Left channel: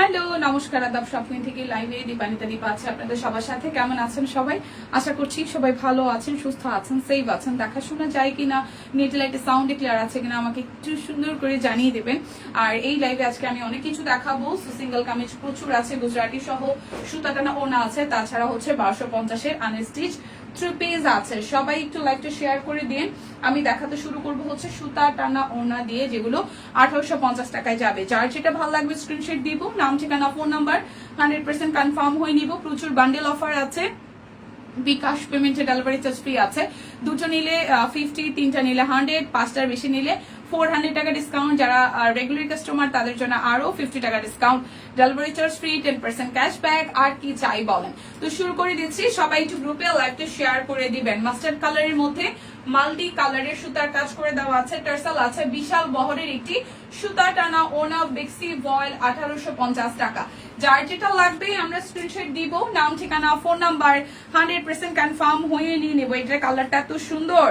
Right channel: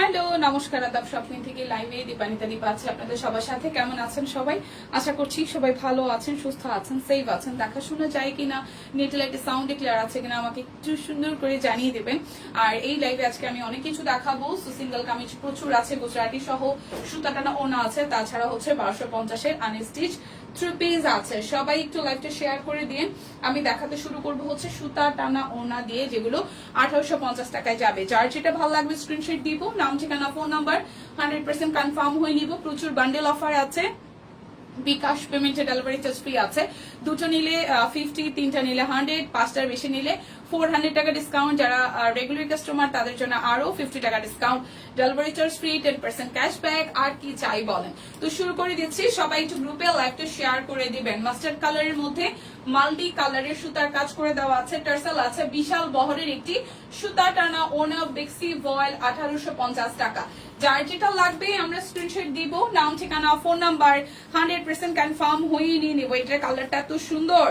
Hello, নমস্কার, আদাব। স্বপ্ন থেকে লাইভে দীপানিতা দীপা আছে আপনাদের সবার সাথে। কেমন আছেন সবাই? আশা করছি সবাই ভালো আছেন, সুস্থ আছেন, সেফ আছেন। দেখাশোনা যায় কিনা, নেট লাইটে সাউন্ড ক্লিয়ার আছে কিনা আমাকে একটু সুন্দর করে জানিয়ে দেবেন। আর এই লাইভে আজকে আমি অনেক কিছু দেখাবো। সিঙ্গেল কামিজ প্রচুর আছে, গুজরাটি সহ সুতা টানা ওনা আছে, তাছাড়া হচ্ছে 1250-এর আনস্টিচ থ্রি পিস আছে। সবাই একটু লাইভটা শেয়ার করে দিন। আমি দেখাতে শুরু করবো হচ্ছে সুতা টানা ওনা দিয়ে, যেগুলো 1850 টাকায় যাবে। যার যেটা ভালো লাগবে স্ক্রিনশট দিব, নাম ঠিকানা ফোন নাম্বার 100% কনফার্ম হয়ে নিব। প্রচুর বান্ডেল অফার আছে, বিকাশ পেমেন্টে ডেলিভারি চার্জ ফ্রি আছে। দুটো নিলে 50, তিনটা নিলে 100, পাঁচটার বেশি নিলে 400 টাকা ডিসকাউন্ট। যারা রেগুলার কাস্টমার তাদের জন্য আরো 50 টাকা discount, delivery charge free, 10% cashback. আর কি চাই বলেন? তো শুরু করে দিচ্ছি। সবাই একটু গ্রুপে লাইভটা শেয়ার করে দিবেন। মাস্টার্ড কালারের মধ্যে মাল্টি কালারের সুতার কাজ করে দেওয়া আছে, টার্সাল আছে, বিশাল বহরের একটি সুতা টানা ওনা বেক্সি ভয়েল 1850 টাকা। যার যেটা লাগবে আমরা স্ক্রিনশট দিব, নাম ঠিকানা ফোন নাম্বার 100% কনফার্ম হয়ে নিয়ে নেবো। এটার কালারটা এত সুন্দর,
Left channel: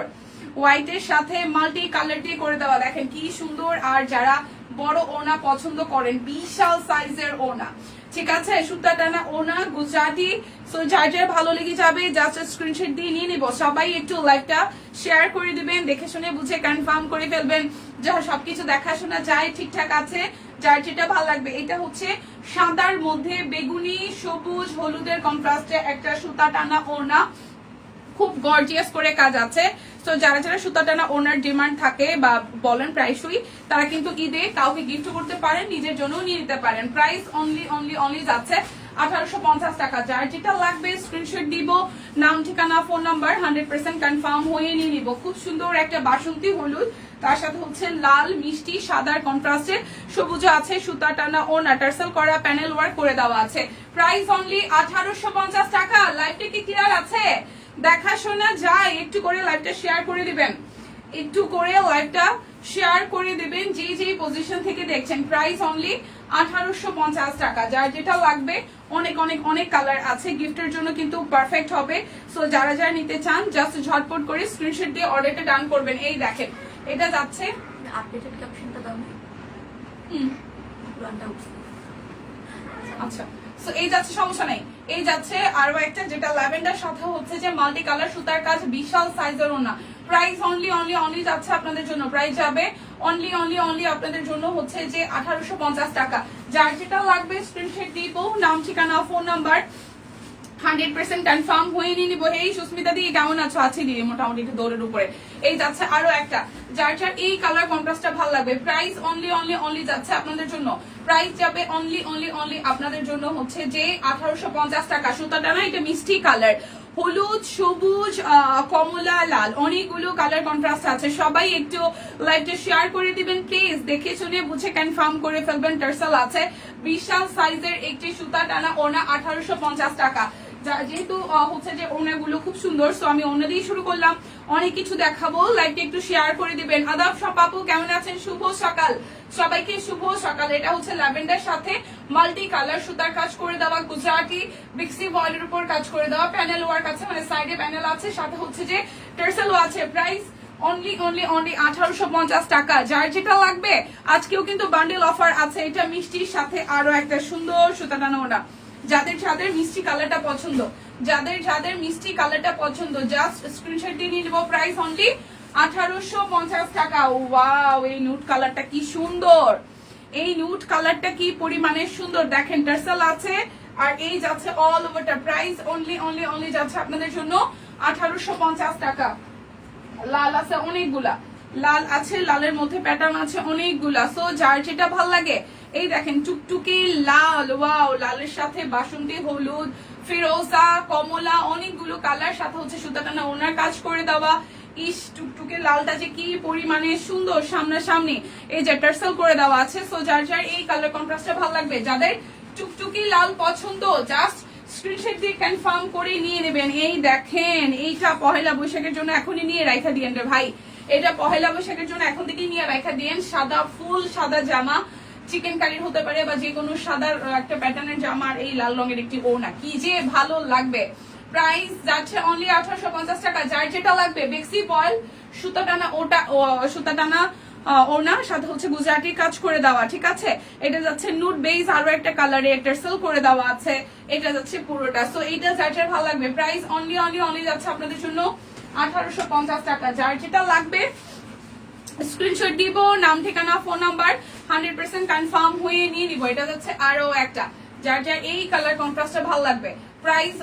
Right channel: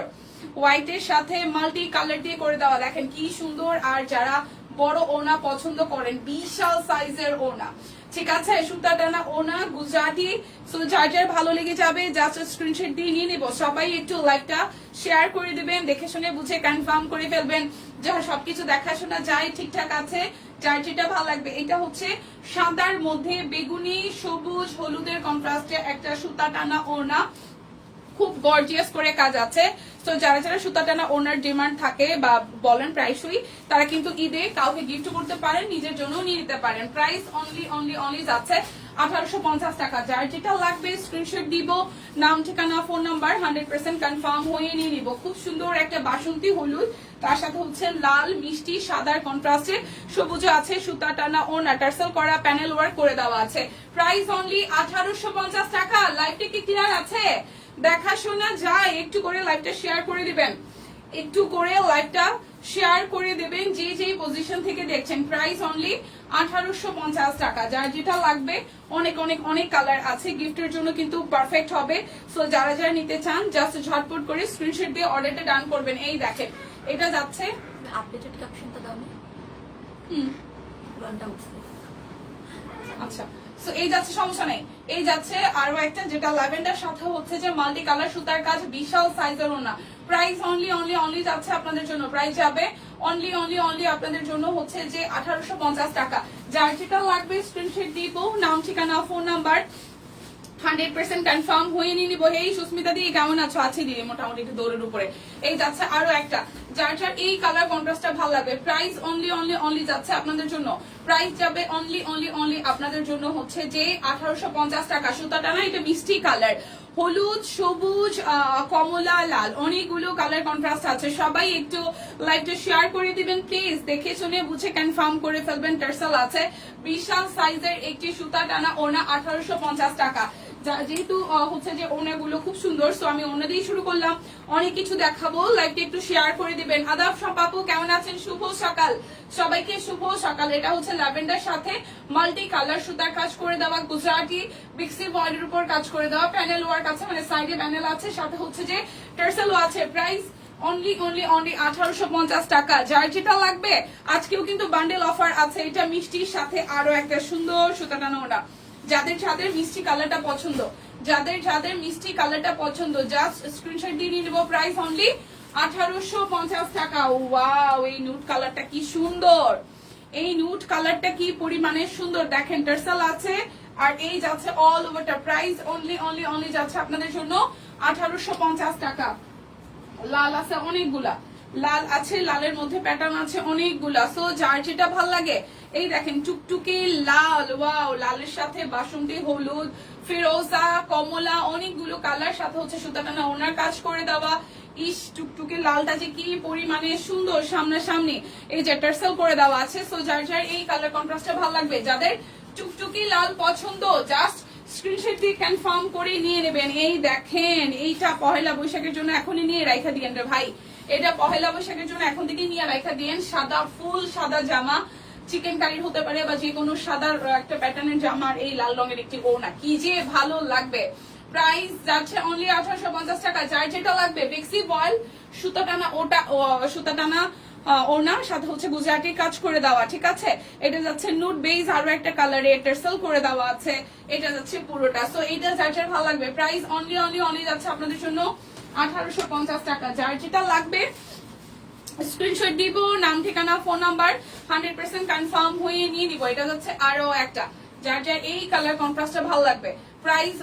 হোয়াইটের সাথে মাল্টি কালার দিয়ে করে দেওয়া, দেখেন কি সুন্দর। আর যারা বড় ওনা পছন্দ করেন, বিশাল সাইজের ওনা, ঠিক আছে, সুতা টানা ওনা গুজরাটি। সো যার যার ভালো লেগে যাবে জাস্ট স্ক্রিনশট দিয়ে নিয়ে নিব। সবাই একটু লাইভটা শেয়ার করে দিবেন, দেখে শুনে বুঝে কনফার্ম করে ফেলবেন যা সবকিছু দেখাশোনা যায় ঠিকঠাক আছে। যার যেটা ভালো লাগবে। এটা হচ্ছে সাদার মধ্যে বেগুনি, সবুজ, হলুদের কন্ট্রাস্টে একটা সুতা টানা ওনা, খুব গর্জিয়াস করে কাজ আছে। তো যারা যারা সুতা টানা ওনার ডিমান্ড থাকে বা বলেন প্রাইসই, তারা কিন্তু ঈদে কাউকে গিফট করতে পারেন, নিজের জন্য নিয়ে নিতে পারেন। প্রাইস অনলি যাচ্ছে 1850 টাকা। যার যেটা লাগবে স্ক্রিনশট দিব, নাম ঠিকানা ফোন নাম্বার 100% কনফার্ম হয়ে নিয়ে নিব। খুব সুন্দর একটা বাসন্তী হলুদ, তার সাথে হচ্ছে লাল মিষ্টি সাদার কন্ট্রাস্টে সবুজ আছে, সুতা টানা ওনা টার্সেল করা, প্যানেল ওয়ার্ক করে দেওয়া আছে। প্রাইস অনলি 1850 টাকা। লাইভটা কি ক্লিয়ার আছে? দেখাশোনা যায়, একটু করে লাইভটা শেয়ার করে দিবেন, একটু করে লাইভটা শেয়ার করে দেবেন যে যেই পজিশন থেকে দেখছেন। প্রাইস অনলি 1850 টাকা। যার যেটা লাগবে, অনেক অনেক অনেক কালার আছে, গিফটের জন্য কিন্তু পারফেক্ট হবে। সো যারা যারা নিতে চান জাস্ট ঝটপট করে স্ক্রিনশট দিয়ে অর্ডারটা ডান করবেন। এই দেখেন, এটা যাচ্ছে আপডেটেড ক্যাপশনটা দাও। পুরানটা উঠছে। আচ্ছা, সো এই যাচ্ছে, সমস্যা নেই। এই যাচ্ছে আরো একটা, যেটা ল্যাভেন্ডার সাথে হচ্ছে যে মাল্টি কালার সুতার কাজ, বিশাল সাইজের ওনা। প্রাইস অনলি যাচ্ছে আপনাদের জন্য, প্রাইস যাবে অনলি আপনাদের জন্য হচ্ছে যে 1850 টাকা। যার যেটা লাগবে স্ক্রিনশট দিব, নাম ঠিকানা ফোন নাম্বার 100% কনফার্ম হয়ে নিয়ে নিবো। এই সুস্মিতা দিয়ে কেমন আছো? আছে দিয়ে মোটামুটি একটু দৌড়ের উপরে। এই যাচ্ছে আরো একটা, যার যার এই কালার কন্ট্রাস্টটা ভালো লাগবে। প্রাইস অনলি যাচ্ছে আপনাদের জন্য, প্রাইস যাবে অনলি আপনাদের জন্য হচ্ছে যে 1850 টাকা। সুতাটা না, এটা মিষ্টি কালার, হলুদ, সবুজ, কমলা, লাল, অনেকগুলো কালার কন্ট্রাস্ট আছে। সবাই একটু লাইভটা শেয়ার করে দিবেন প্লিজ, দেখে শুনে বুঝে কনফার্ম করে ফেলবেন। টার্সেল আছে, বিশাল সাইজের একটি সুতা টানা ওনা 1850 টাকা। যেহেতু হচ্ছে যে ওনাগুলো খুব সুন্দর, তো আমি ওনা দিয়ে শুরু করলাম, অনেক কিছু দেখাবো। লাইভটা একটু শেয়ার করে দিবেন। আদাব সব আপু, কেমন আছেন? শুভ সকাল সবাইকে, শুভ সকাল। এটা হচ্ছে ল্যাভেন্ডার সাথে মাল্টি কালার সুতার কাজ করে দেওয়া, গুজরাটি বিক্সি ভয়েলের উপর কাজ করে দেওয়া, প্যানেল ওয়ার্ক আছে, মানে সাইডে প্যানেল আছে, সাথে হচ্ছে যে টার্সেলও আছে। প্রাইস অনলি 1850 টাকা। যার যেটা লাগবে, আজকেও কিন্তু বান্ডেল অফার আছে। এটা মিষ্টির সাথে আরো একটা সুন্দর সুতা টানা ওনা। যাদের যাদের মিষ্টি কালারটা পছন্দ, যাদের মিষ্টি কালারটা পছন্দ, জাস্ট স্ক্রিনশট দিয়ে নিয়ে নেবো। প্রাইস অনলি 1850 টাকা। ওয়াও, এই নুট কালারটা কি সুন্দর, এই নুট কালারটা কি পরিমাণে সুন্দর, দেখেন টার্সেল আছে। আর এই যাচ্ছে অল ওভারটা। প্রাইস অনলি যাচ্ছে আপনাদের জন্য 1850 টাকা। লাল আছে অনেকগুলা, লাল আছে, লালের মধ্যে প্যাটার্ন আছে অনেকগুলা। সো যার যেটা ভাল লাগে, এই দেখেন টুকটুকি লাল, ওয়াও, লালের সাথে বাসন্তী হলুদ, ফিরোজা, কমলা, অনেকগুলো কালার, সাথে হচ্ছে সুতা টানা ওনার কাজ করে দেওয়া। ইস, টুকটুকে লালটা যে কি পরিমাণে সুন্দর, সামনাসামনি এই যে টার্সেল করে দেওয়া আছে। সো যার যার এই কালার কন্ট্রাস্টটা ভালো লাগবে, যাদের টুকটুকি লাল পছন্দ, জাস্ট স্ক্রিনশট দিয়ে কনফার্ম করে নিয়ে নেবেন। এই দেখেন, এইটা পহেলা বৈশাখের জন্য এখনই নিয়ে রাখা দিয়েন রে ভাই, এটা পহেলা বৈশাখের জন্য এখন থেকে নিয়ে রাখা দিয়েন। সাদা ফুল সাদা জামা, চিকেন কারির হতে পারে বা যে কোনো সাদা একটা প্যাটার্নের জামা, আর এই লাল রঙের একটি ওড়না, কি যে ভালো লাগবে। প্রাইস যাচ্ছে অনলি 1850 টাকা। যার যেটা লাগবে বেক্সি বয়েল সুতা টানা, ওটা সুতা টানা ওনার সাথে হচ্ছে গুজরাটি কাজ করে দেওয়া, ঠিক আছে। এটা যাচ্ছে নুড বেজ, আরো একটা কালারে টার্সেল করে দেওয়া আছে, এটা যাচ্ছে পুরোটা। সো এটা যার যার ভালো লাগবে, প্রাইস অনলি যাচ্ছে আপনাদের জন্য 1850 টাকা। যার যেটা লাগবে স্ক্রিনশট দিব, নাম ঠিকানা ফোন নাম্বার 100% কনফার্ম হয়ে নিয়ে নিব। এটা যাচ্ছে আরো একটা, যার যার এই কালার কন্ট্রাস্টটা ভালো লাগবে। প্রাইস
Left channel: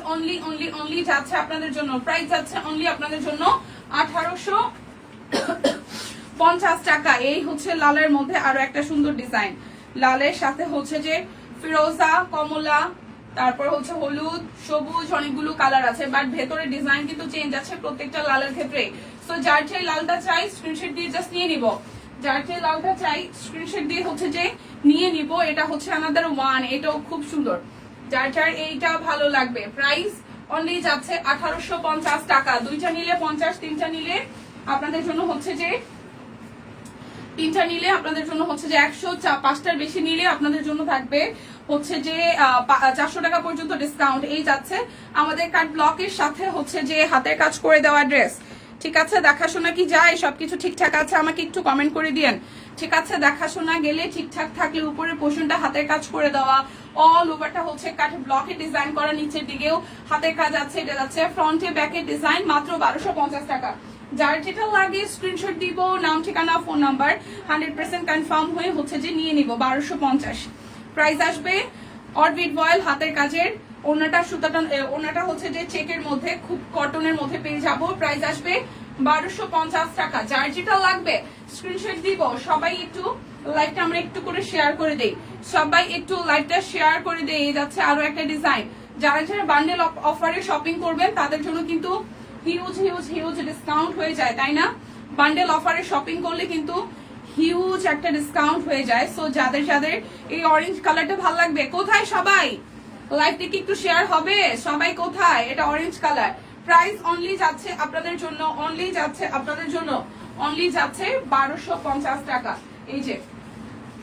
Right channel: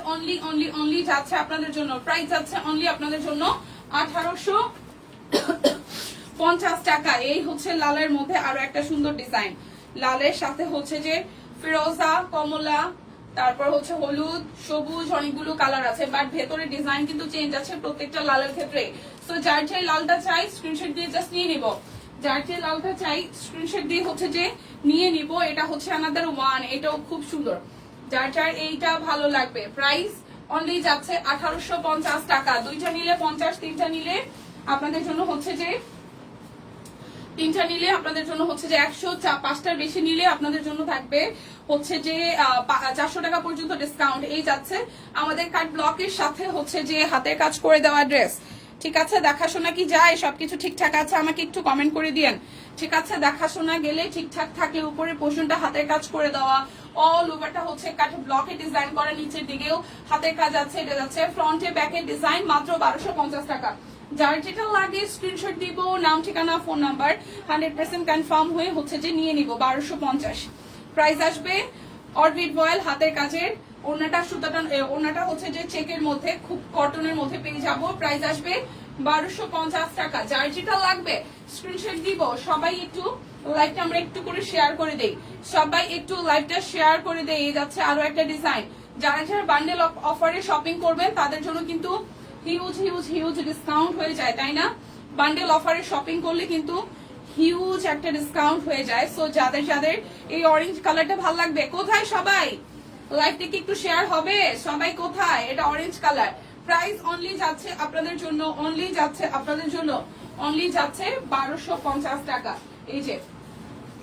অনলি যাচ্ছে আপনাদের জন্য, প্রাইস যাচ্ছে অনলি আপনাদের জন্য 1850 টাকা। এই হচ্ছে লালের মধ্যে আরো একটা সুন্দর ডিজাইন, লালের সাথে হচ্ছে যে ফিরোজা, কমলা, তারপর হচ্ছে হলুদ, সবুজ, অনেকগুলো কালার আছে, বাট ভেতরে ডিজাইন কিন্তু চেঞ্জ আছে প্রত্যেকটা লালের ক্ষেত্রে। সো যার যে লালটা চাই স্ক্রিনশট দিয়ে জাস্ট নিয়ে নিব, যার যে লালটা চাই স্ক্রিনশট দিয়ে হচ্ছে যে নিয়ে নিব। এটা হচ্ছে আমাদের ওয়ান, এটাও খুব সুন্দর। যার যার এইটা ভালো লাগবে, প্রাইস অনলি যাচ্ছে 1850 টাকা। দুইটা নিলে 50, তিনটা নিলে আপনাদের জন্য হচ্ছে যে 100, 5টার বেশি নিলে আপনাদের জন্য থাকবে হচ্ছে যে 400 টাকা পর্যন্ত ডিসকাউন্ট। এই যাচ্ছে আমাদের কাট ব্লকের সাথে হচ্ছে যে হাতের কাজ করে দেওয়া ড্রেস, ঠিক আছে। দেখাশোনা কি যায়, সবকিছু ঠিকঠাক আছে আমাকে একটু কমেন্ট করে দিয়েন, ঠিক আছে। দেখাশোনা গেলে ঠিকঠাক থাকলে উপরের পোর্শনটা হাতের কাজ করে দেওয়া, অল ওভারটা হচ্ছে কাট ব্লকে ডিজাইন করা, নিচের দিকেও হাতের কাজ আছে। এটা যাচ্ছে ফ্রন্টে ব্যাকের ডিজাইন, মাত্র 1250 টাকা। যার যেটা লাগে স্ক্রিনশট দিব, নাম ঠিকানা ফোন নাম্বার 100% কনফার্ম হয়ে হচ্ছে যে নিয়ে নিব। 1250 প্রাইস আসবে। অরবিট বয়েল হাতের কাজের, ওনাটা সুতাটা, ওনাটা হচ্ছে যে চেকের মধ্যে, খুব কটনের মধ্যে পেয়ে যাব। প্রাইস আসবে 1250 টাকা। যার যেটা লাগবে স্ক্রিনশট দিব। সবাই একটু লাইভটা আমরা একটু করে শেয়ার করে দেই, সবাই একটু লাইভটা শেয়ার করে দেই। এই যাচ্ছে আরো একটা ডিজাইন। যারা যারা বান্ডেল অফারে শপিং করবেন তাদের জন্য কিন্তু হিউজ ডিসকাউন্ট হয়ে যায়, তাই না? বান্ডেল অফারে শপিং করলে কিন্তু হিউজ একটা ডিসকাউন্ট হয়ে যায়। সো যাদের যাদের এই অরেঞ্জ কালারটা ভালো লাগবে, কোথায় সবাই লাইভটা কি একটু শেয়ার হবে? সবাই কোথায়? এটা অরেঞ্জ কালার। প্রাইস অনলি যাচ্ছে আপনাদের জন্য, অনলি যাচ্ছে 1250 টাকা। এই যে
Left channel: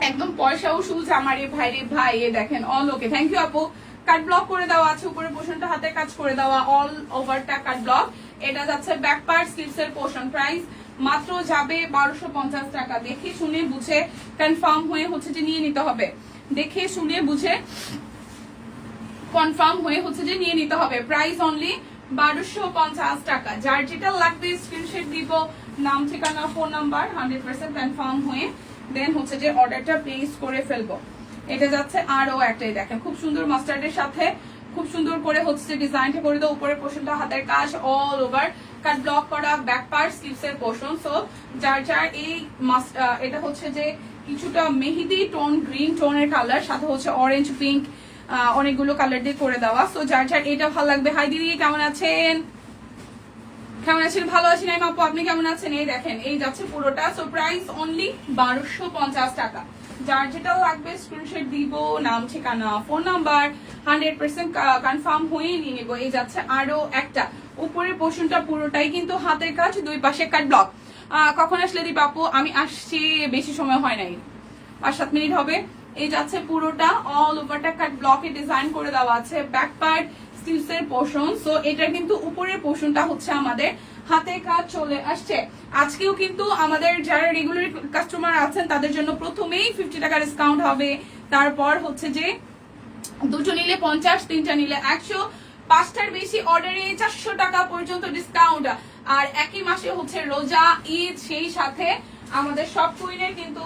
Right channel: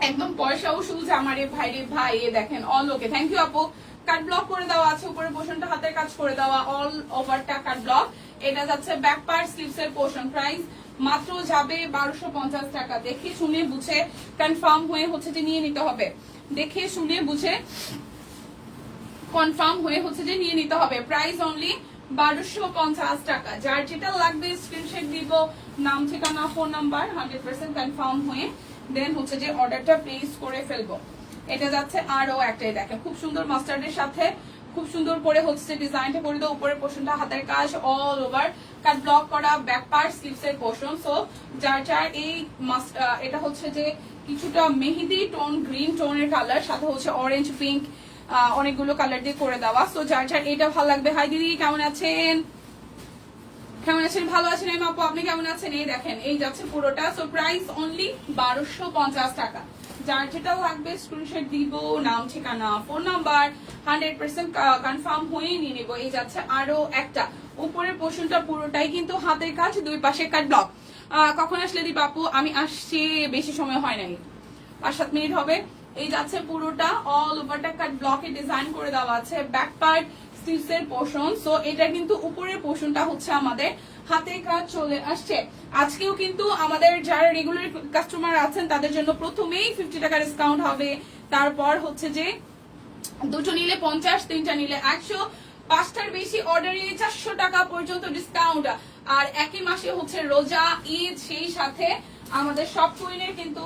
একদম পয়সা উসুল জামা রে ভাই রে ভাই, এ দেখেন অল ওকে। থ্যাংক ইউ আপু। কাট ব্লক করে দেওয়া আছে, উপরে পোর্শনটা হাতের কাজ করে দেওয়া, অল ওভারটা কাট ব্লক। এটা যাচ্ছে ব্যাক পার্ট স্লিভস এর পোর্শন। প্রাইস মাত্র যাবে 1250 টাকা। দেখে শুনে বুঝে কনফার্ম হয়ে হচ্ছে যে নিয়ে নিতে হবে, দেখে শুনে বুঝে কনফার্ম হয়ে হচ্ছে যে নিয়ে নিতে হবে। প্রাইস অনলি 1250 টাকা। যার যেটা লাগবে স্ক্রিনশট দিব, নাম ঠিকানা ফোন নাম্বার 100% কনফার্ম হয়ে দেন হচ্ছে যে অর্ডারটা প্লেস করে ফেলবো। এটা যাচ্ছে আরো একটাই, দেখেন খুব সুন্দর মাস্টার্ডের সাথে খুব সুন্দর করে হচ্ছে ডিজাইনটা করে দাও। উপরের পোর্শনটা হাতের কাজ, অল ওভার কাট ব্লক করা, ব্যাক পার্ট স্লিভস এর পোর্শন। সো যার যার এই এটা হচ্ছে যে কিছুটা মেহেদি টোন, গ্রিন টোনের কালার, সাথে হচ্ছে অরেঞ্জ, পিঙ্ক, অনেকগুলো কালার দিয়ে করে দেওয়া। সো যার যার এটা ভালো লাগবে। হাই দিদি, কেমন আছেন? কেমন আছেন? ভালো আছেন আপু, আপনি কেমন আছেন? এই দেখেন, এই যাচ্ছে পুরোটা। সো প্রাইস অনলি 1250 টাকা। যার যেটা লাগবে স্ক্রিনশট দিব, নাম ঠিকানা ফোন নাম্বার 100% কনফার্ম হয়ে নিয়ে নেবো। এই যাচ্ছে আরো একটা, উপরের পোর্শনটা পুরোটাই কিন্তু হাতের কাজ, দুই পাশে কাট ব্লক। কখন আসলে দিব আপু? আমি আসছি, বেশি সময় হয় নাই, 5-7 মিনিট হবে। এই যাচ্ছে পুরোটা, অল ওভারটা কাট ব্লকে ডিজাইন করে দেওয়া আছে, ব্যাক পার্ট স্লিভস এর পোর্শন। সো এটা কিন্তু উপরের পোর্শনটা হচ্ছে আমাদের হাতে কাজ চলে আসছে। আজকেও কিন্তু আমাদের যারা রেগুলার কাস্টমার আছেন তাদের জন্য প্রথমেই 50 টাকা ডিসকাউন্ট হবে। তারপর হচ্ছে যে দুটো নিলে 50, তিনটা নিলে 100, 5টার বেশি অর্ডারে 400 টাকা পর্যন্ত ডিসকাউন্ট। আর একই মাসে হচ্ছে রোজা, ঈদ, সেই সাথে আমাদের সব কুইনের কিন্তু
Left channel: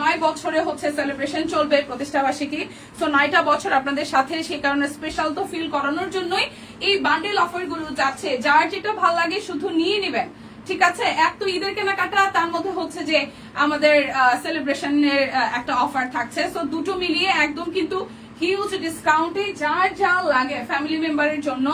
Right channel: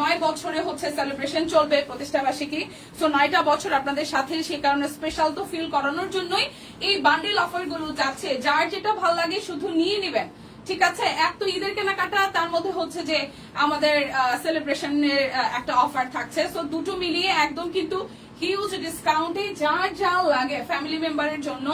9 বছরে হচ্ছে সেলিব্রেশন চলবে, প্রতিষ্ঠা বার্ষিকী। সো 9টা বছর আপনাদের সাথে, সেই কারণে স্পেশাল তো ফিল করানোর জন্যই এই বান্ডেল অফার গুলো যাচ্ছে। যার যেটা ভালো লাগে শুধু নিয়ে নেবেন, ঠিক আছে। এক তো ঈদের কেনাকাটা, তার মধ্যে হচ্ছে যে আমাদের সেলিব্রেশনের একটা অফার থাকছে। সো দুটো মিলিয়ে একদম কিন্তু হিউজ ডিসকাউন্টে যার যা লাগে ফ্যামিলি মেম্বারের জন্য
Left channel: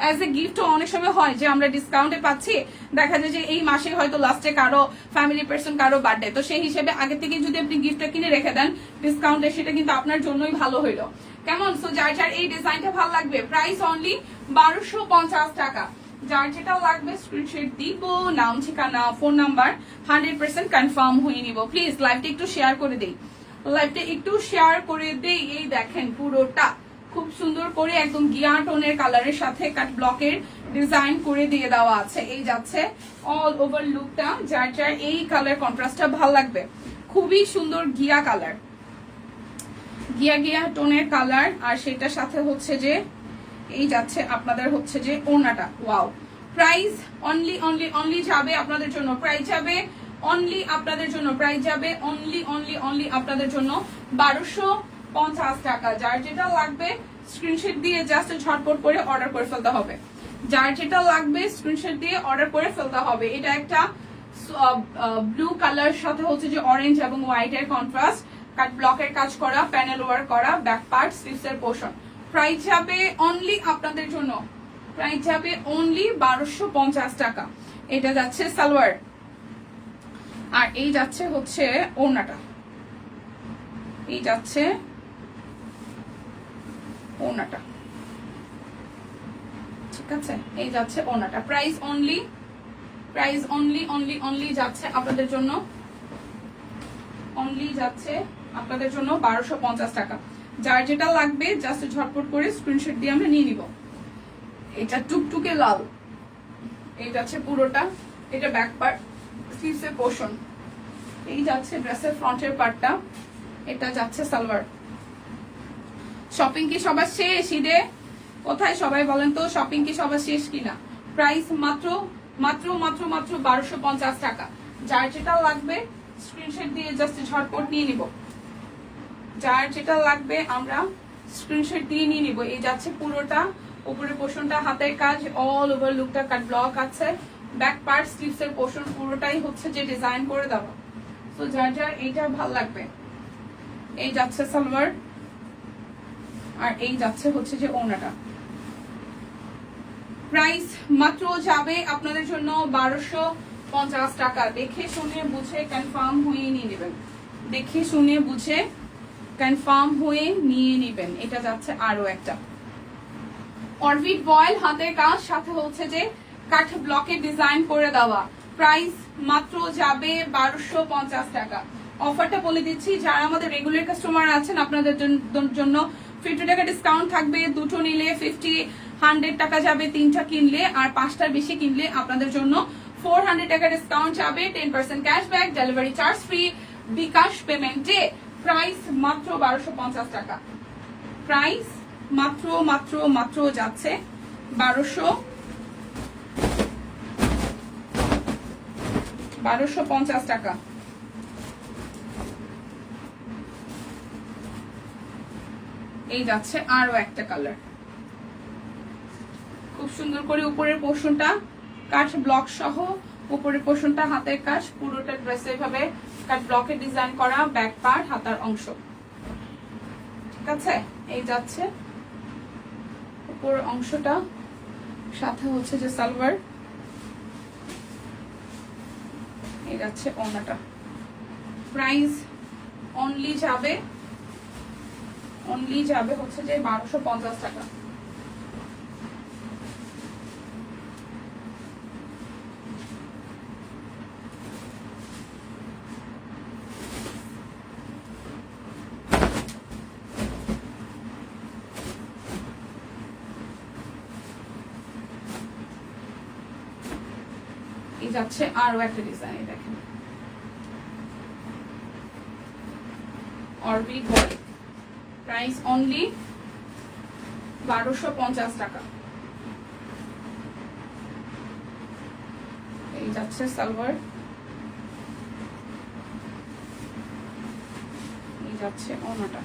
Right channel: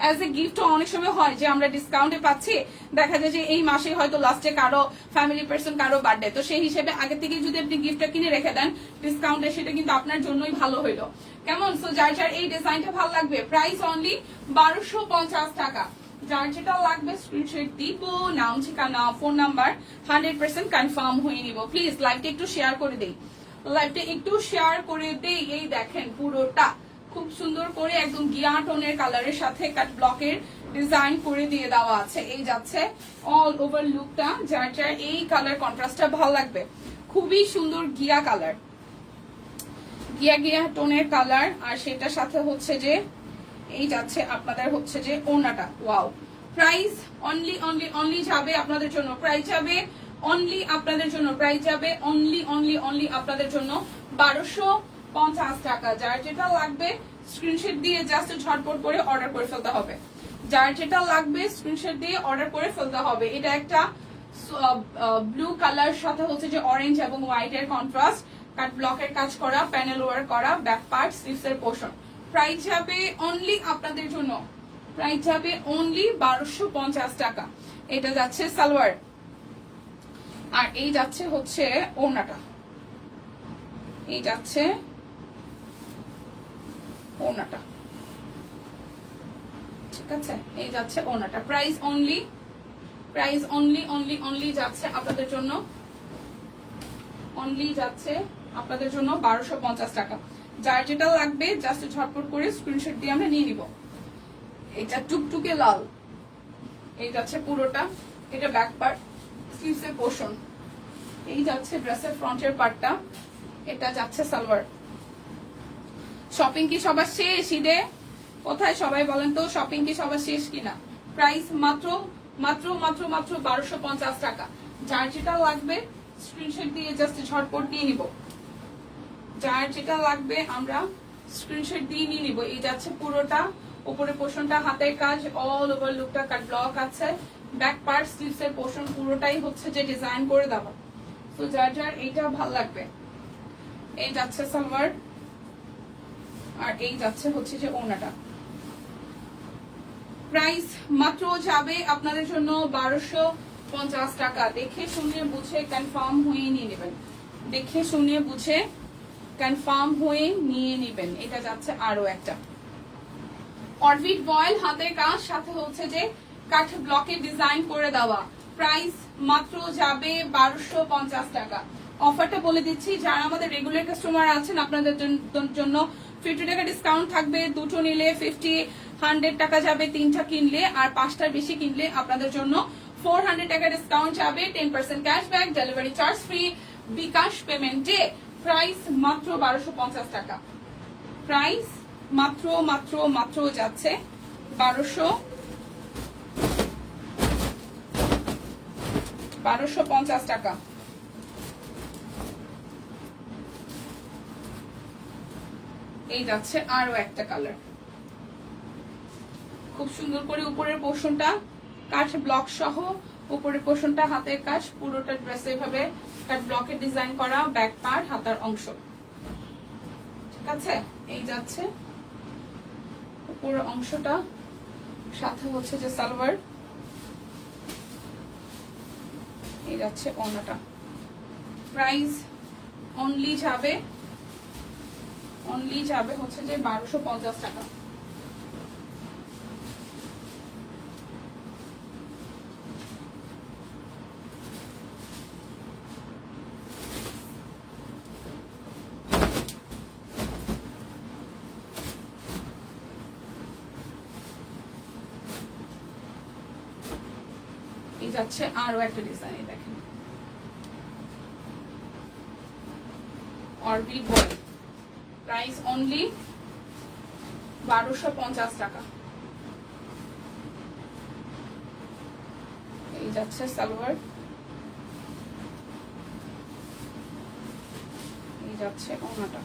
অ্যাজ এ গিফট। অনেক সময় হয় যে আমরা ডিসকাউন্টে পাচ্ছি, দেখা যায় যে এই মাসে হয়তো লাস্টে কারো ফ্যামিলি পার্সন কারো বার্থডে, তো সেই হিসেবে আগে থেকে যদি আপনি গিফটটা কিনে রেখে দেন ডিসকাউন্টে, সেটা কিন্তু আপনার জন্যই ভালো হইলো। কেমন? সো যার যার এই ডিজাইনটা ভালো লাগবে, প্রাইস অনলি 1250 টাকা। যার যেটা লাগবে স্ক্রিনশট দিব, নাম ঠিকানা ফোন নাম্বার 100% কনফার্ম হয়ে নিব। প্লিজ লাইভটা একটু শেয়ার করে দেই, লাইভটা একটু শেয়ার করে দেই। এই দেখেন পুরোটা খুব সুন্দর করে একদম গিয়া টোনের কালারের সাথে কাট ব্লকের ডিজাইন করে দিয়ে দেওয়া আছে। এই যাচ্ছে অল ওভার লুকটা। যার যার এই কালার কন্ট্রাস্টটা ভালো লাগবে, খুবই সুন্দর গিয়া কালার, গিয়া গিয়া টোনের কালার। আর সেটার সাথে হচ্ছে যে এই যাচ্ছে আপনাদের হচ্ছে যে ওনাটা। Wow, price only only only যাবে আপনাদের জন্য, প্রাইস যাবে অনলি আপনাদের জন্য, প্রাইস যাবে অনলি অনলি অনলি আপনাদের জন্য 1250 টাকা। যার যেটা লাগবে স্ক্রিনশট দিয়ে জাস্ট ঝটপট করে অর্ডার করে ফেলতে হবে। যার যেটা লাগবে স্ক্রিনশট দিয়ে অর্ডার করে ফেলতে হবে। এটা একটা ব্লু কালার সাথে হচ্ছে যে অরেঞ্জ এবং হোয়াইট এর কন্ট্রাস্ট, কাট ব্লকের কাজ করা, প্যানেল ওয়ার্ক করা, ব্যাক পার্ট স্লিভস এর পোর্শন। প্রাইস যাবে অনলি আপনাদের জন্য, প্রাইস যাবে অনলি 1250 টাকা। এটা যাচ্ছে সালোয়ার, আর এই যাচ্ছে হচ্ছে ওড়নাটা, এই যাচ্ছে ওড়নাটা, ঠিক আছে? এই যাচ্ছে ওড়নাটা। Price only, price only only only যাচ্ছে আপনাদের জন্য, অনলি যাচ্ছে আপনাদের জন্য 1250 টাকা। যার যেটা লাগবে জাস্ট ঝটপট করে স্ক্রিনশট দিয়ে আমরা নিয়ে নিব। এটা টুকটুকে লাল, এই যাচ্ছে পুরোটা, এটা ব্যাক পার্ট স্লিভস এর পোর্শন, এই যাচ্ছে ড্রেসের ফ্রন্টের পার্টটা, এটা যাচ্ছে সালোয়ার। শপিং কি সবার শেষ? ঈদে কোথায় সবাই বলেন তো, শপিং কি সবার শেষ কিনা? প্রাইস মাত্র মাত্র মাত্র মাত্র 1250 টাকা। যার যেটা লাগবে স্ক্রিনশট দিয়ে জাস্ট ঝটপট নিয়ে নিব, যার যেটা লাগবে আমরা স্ক্রিনশট দিয়ে নিয়ে নিব। এই যাচ্ছে পুরোটা, উপরের পোর্শনটা হাতের কাজ, অল ওভার লুকটা কাট ব্লক আছে, ব্যাক পার্ট স্লিভস এর পোর্শন পুরোটাই হচ্ছে যে ডিজাইন করে দেওয়া। তো যার যার এইটা ভালো লাগবে, এই যাচ্ছে সালোয়ার, আর এই যাচ্ছে হচ্ছে যে ওড়নাটা। প্রাইস মাত্র যাবে আপনাদের জন্য 1250 টাকা। দেখে শুনে বুঝে কনফার্ম হয়ে নিয়ে নেবেন, দেখে শুনে বুঝে কনফার্ম হয়ে নিয়ে নেবেন। এটা যাচ্ছে আরো একটা অরবিট বয়েল হাতের কাজ, সাথে হচ্ছে যে কাঠ ব্লকে ডিজাইন করে দেওয়া। প্রাইস মাত্র যাবে 1250 টাকা। অফারটা বলে দিচ্ছি, যারা আমাদের রেগুলার কাস্টমার আছেন আপনাদের জন্য 50 টাকা ডিসকাউন্ট থাকবে। দুটো নিলে 100 টাকা যাবে, তিনটা কিনলে আর পাঁচটার বেশি কিনলে আপনাদের জন্য 400 টাকা ডিসকাউন্ট যাবে, 10% ক্যাশব্যাক, ডেলিভারি চার্জ ফ্রি, বিকাশ পেমেন্টে। প্রাইস মাত্র 1250 টাকা। প্রাইস মাত্র মাত্র মাত্র যাচ্ছে 1250 টাকা। এই যাচ্ছে আরো একটা কালার, খুব সুন্দর করে উপরের পোর্শনটা কাঠ ব্লক সহ, উপরের পোর্শনটা হাতের কাজ, পুরোটা ড্রেসে এইভাবে কাঠ ব্লকে ডিজাইন করা, ব্যাক পার্ট হাতার অংশ, ঠিক আছে? এই যাচ্ছে উপরের অংশটা, সাথে হচ্ছে যে সালোয়ার, এই যাচ্ছে ওড়নাটা। প্রাইস অনলি যাবে হচ্ছে যে 1250 টাকা। এই যাচ্ছে আরো একটা ডিজাইন, দেখেন অরবিট বয়েল। প্রাইস অনলি 1250 টাকা। এই যাচ্ছে সালোয়ার, এই যাচ্ছে ওড়নাটা।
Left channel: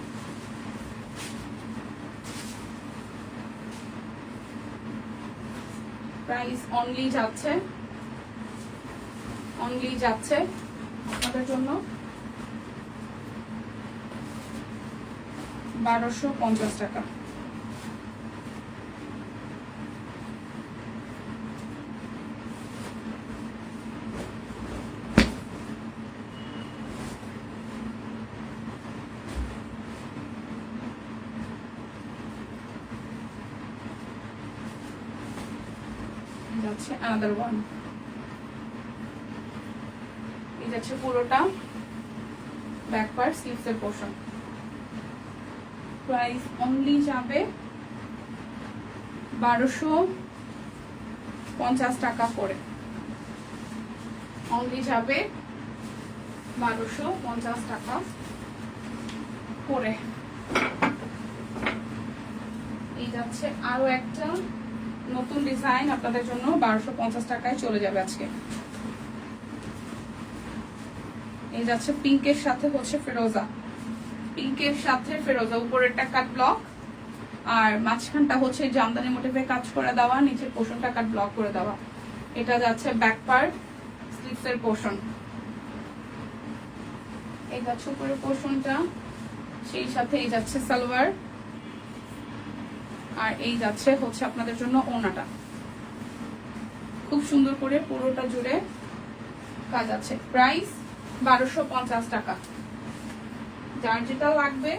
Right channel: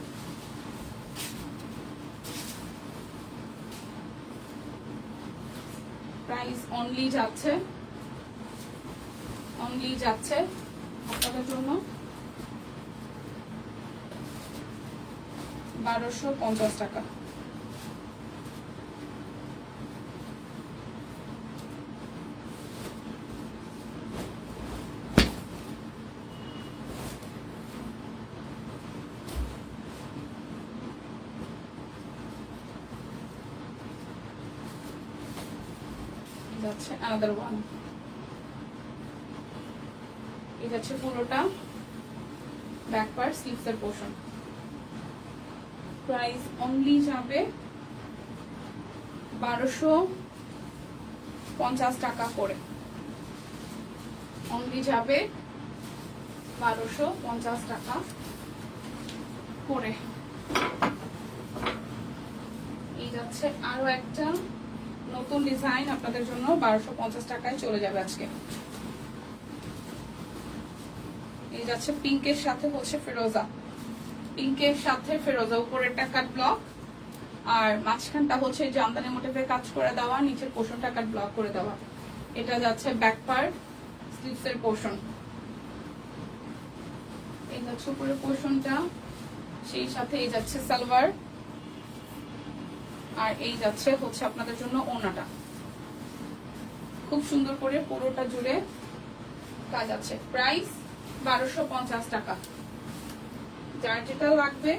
প্রাইস অনলি যাচ্ছে আপনাদের জন্য 1250 টাকা। যাচ্ছে আনাদার ওয়ান, এই যাচ্ছে পুরোটা ব্যাক পার্ট স্লিভস এর পোর্শন। প্রাইস অনলি যাবে 1250 টাকা করে, অনলি যাবে 1250 টাকা করে। এই যাচ্ছে আরো একটা নতুন ডিজাইন আপনাদের জন্য, 1250 টাকায় চলে যাবে আজকে। এই যাচ্ছে পিঙ্কের সাথে হচ্ছে ফেরোজা, পিঙ্কের সাথে ফেরোজা, উপরেরটা কাট ব্লক আর মাঝখানটা হচ্ছে জামদানি মোটিভে কাজ করে দেওয়া, নিচের পোর্শনটা কাট ব্লক করে দেওয়া। এটা যাচ্ছে ব্যাক পার্ট স্লিভস এর পোর্শন। এই যাচ্ছে উপরের পোর্শনটা, সেই সাথে এই যাচ্ছে সালোয়ার, আর এই যাচ্ছে হচ্ছে আপনাদের জন্য ওড়নাটা। খুব সুন্দর করে পুরোটা জুড়ে কাজ আছে। প্রাইস 1250 টাকা। যার যেটা লাগবে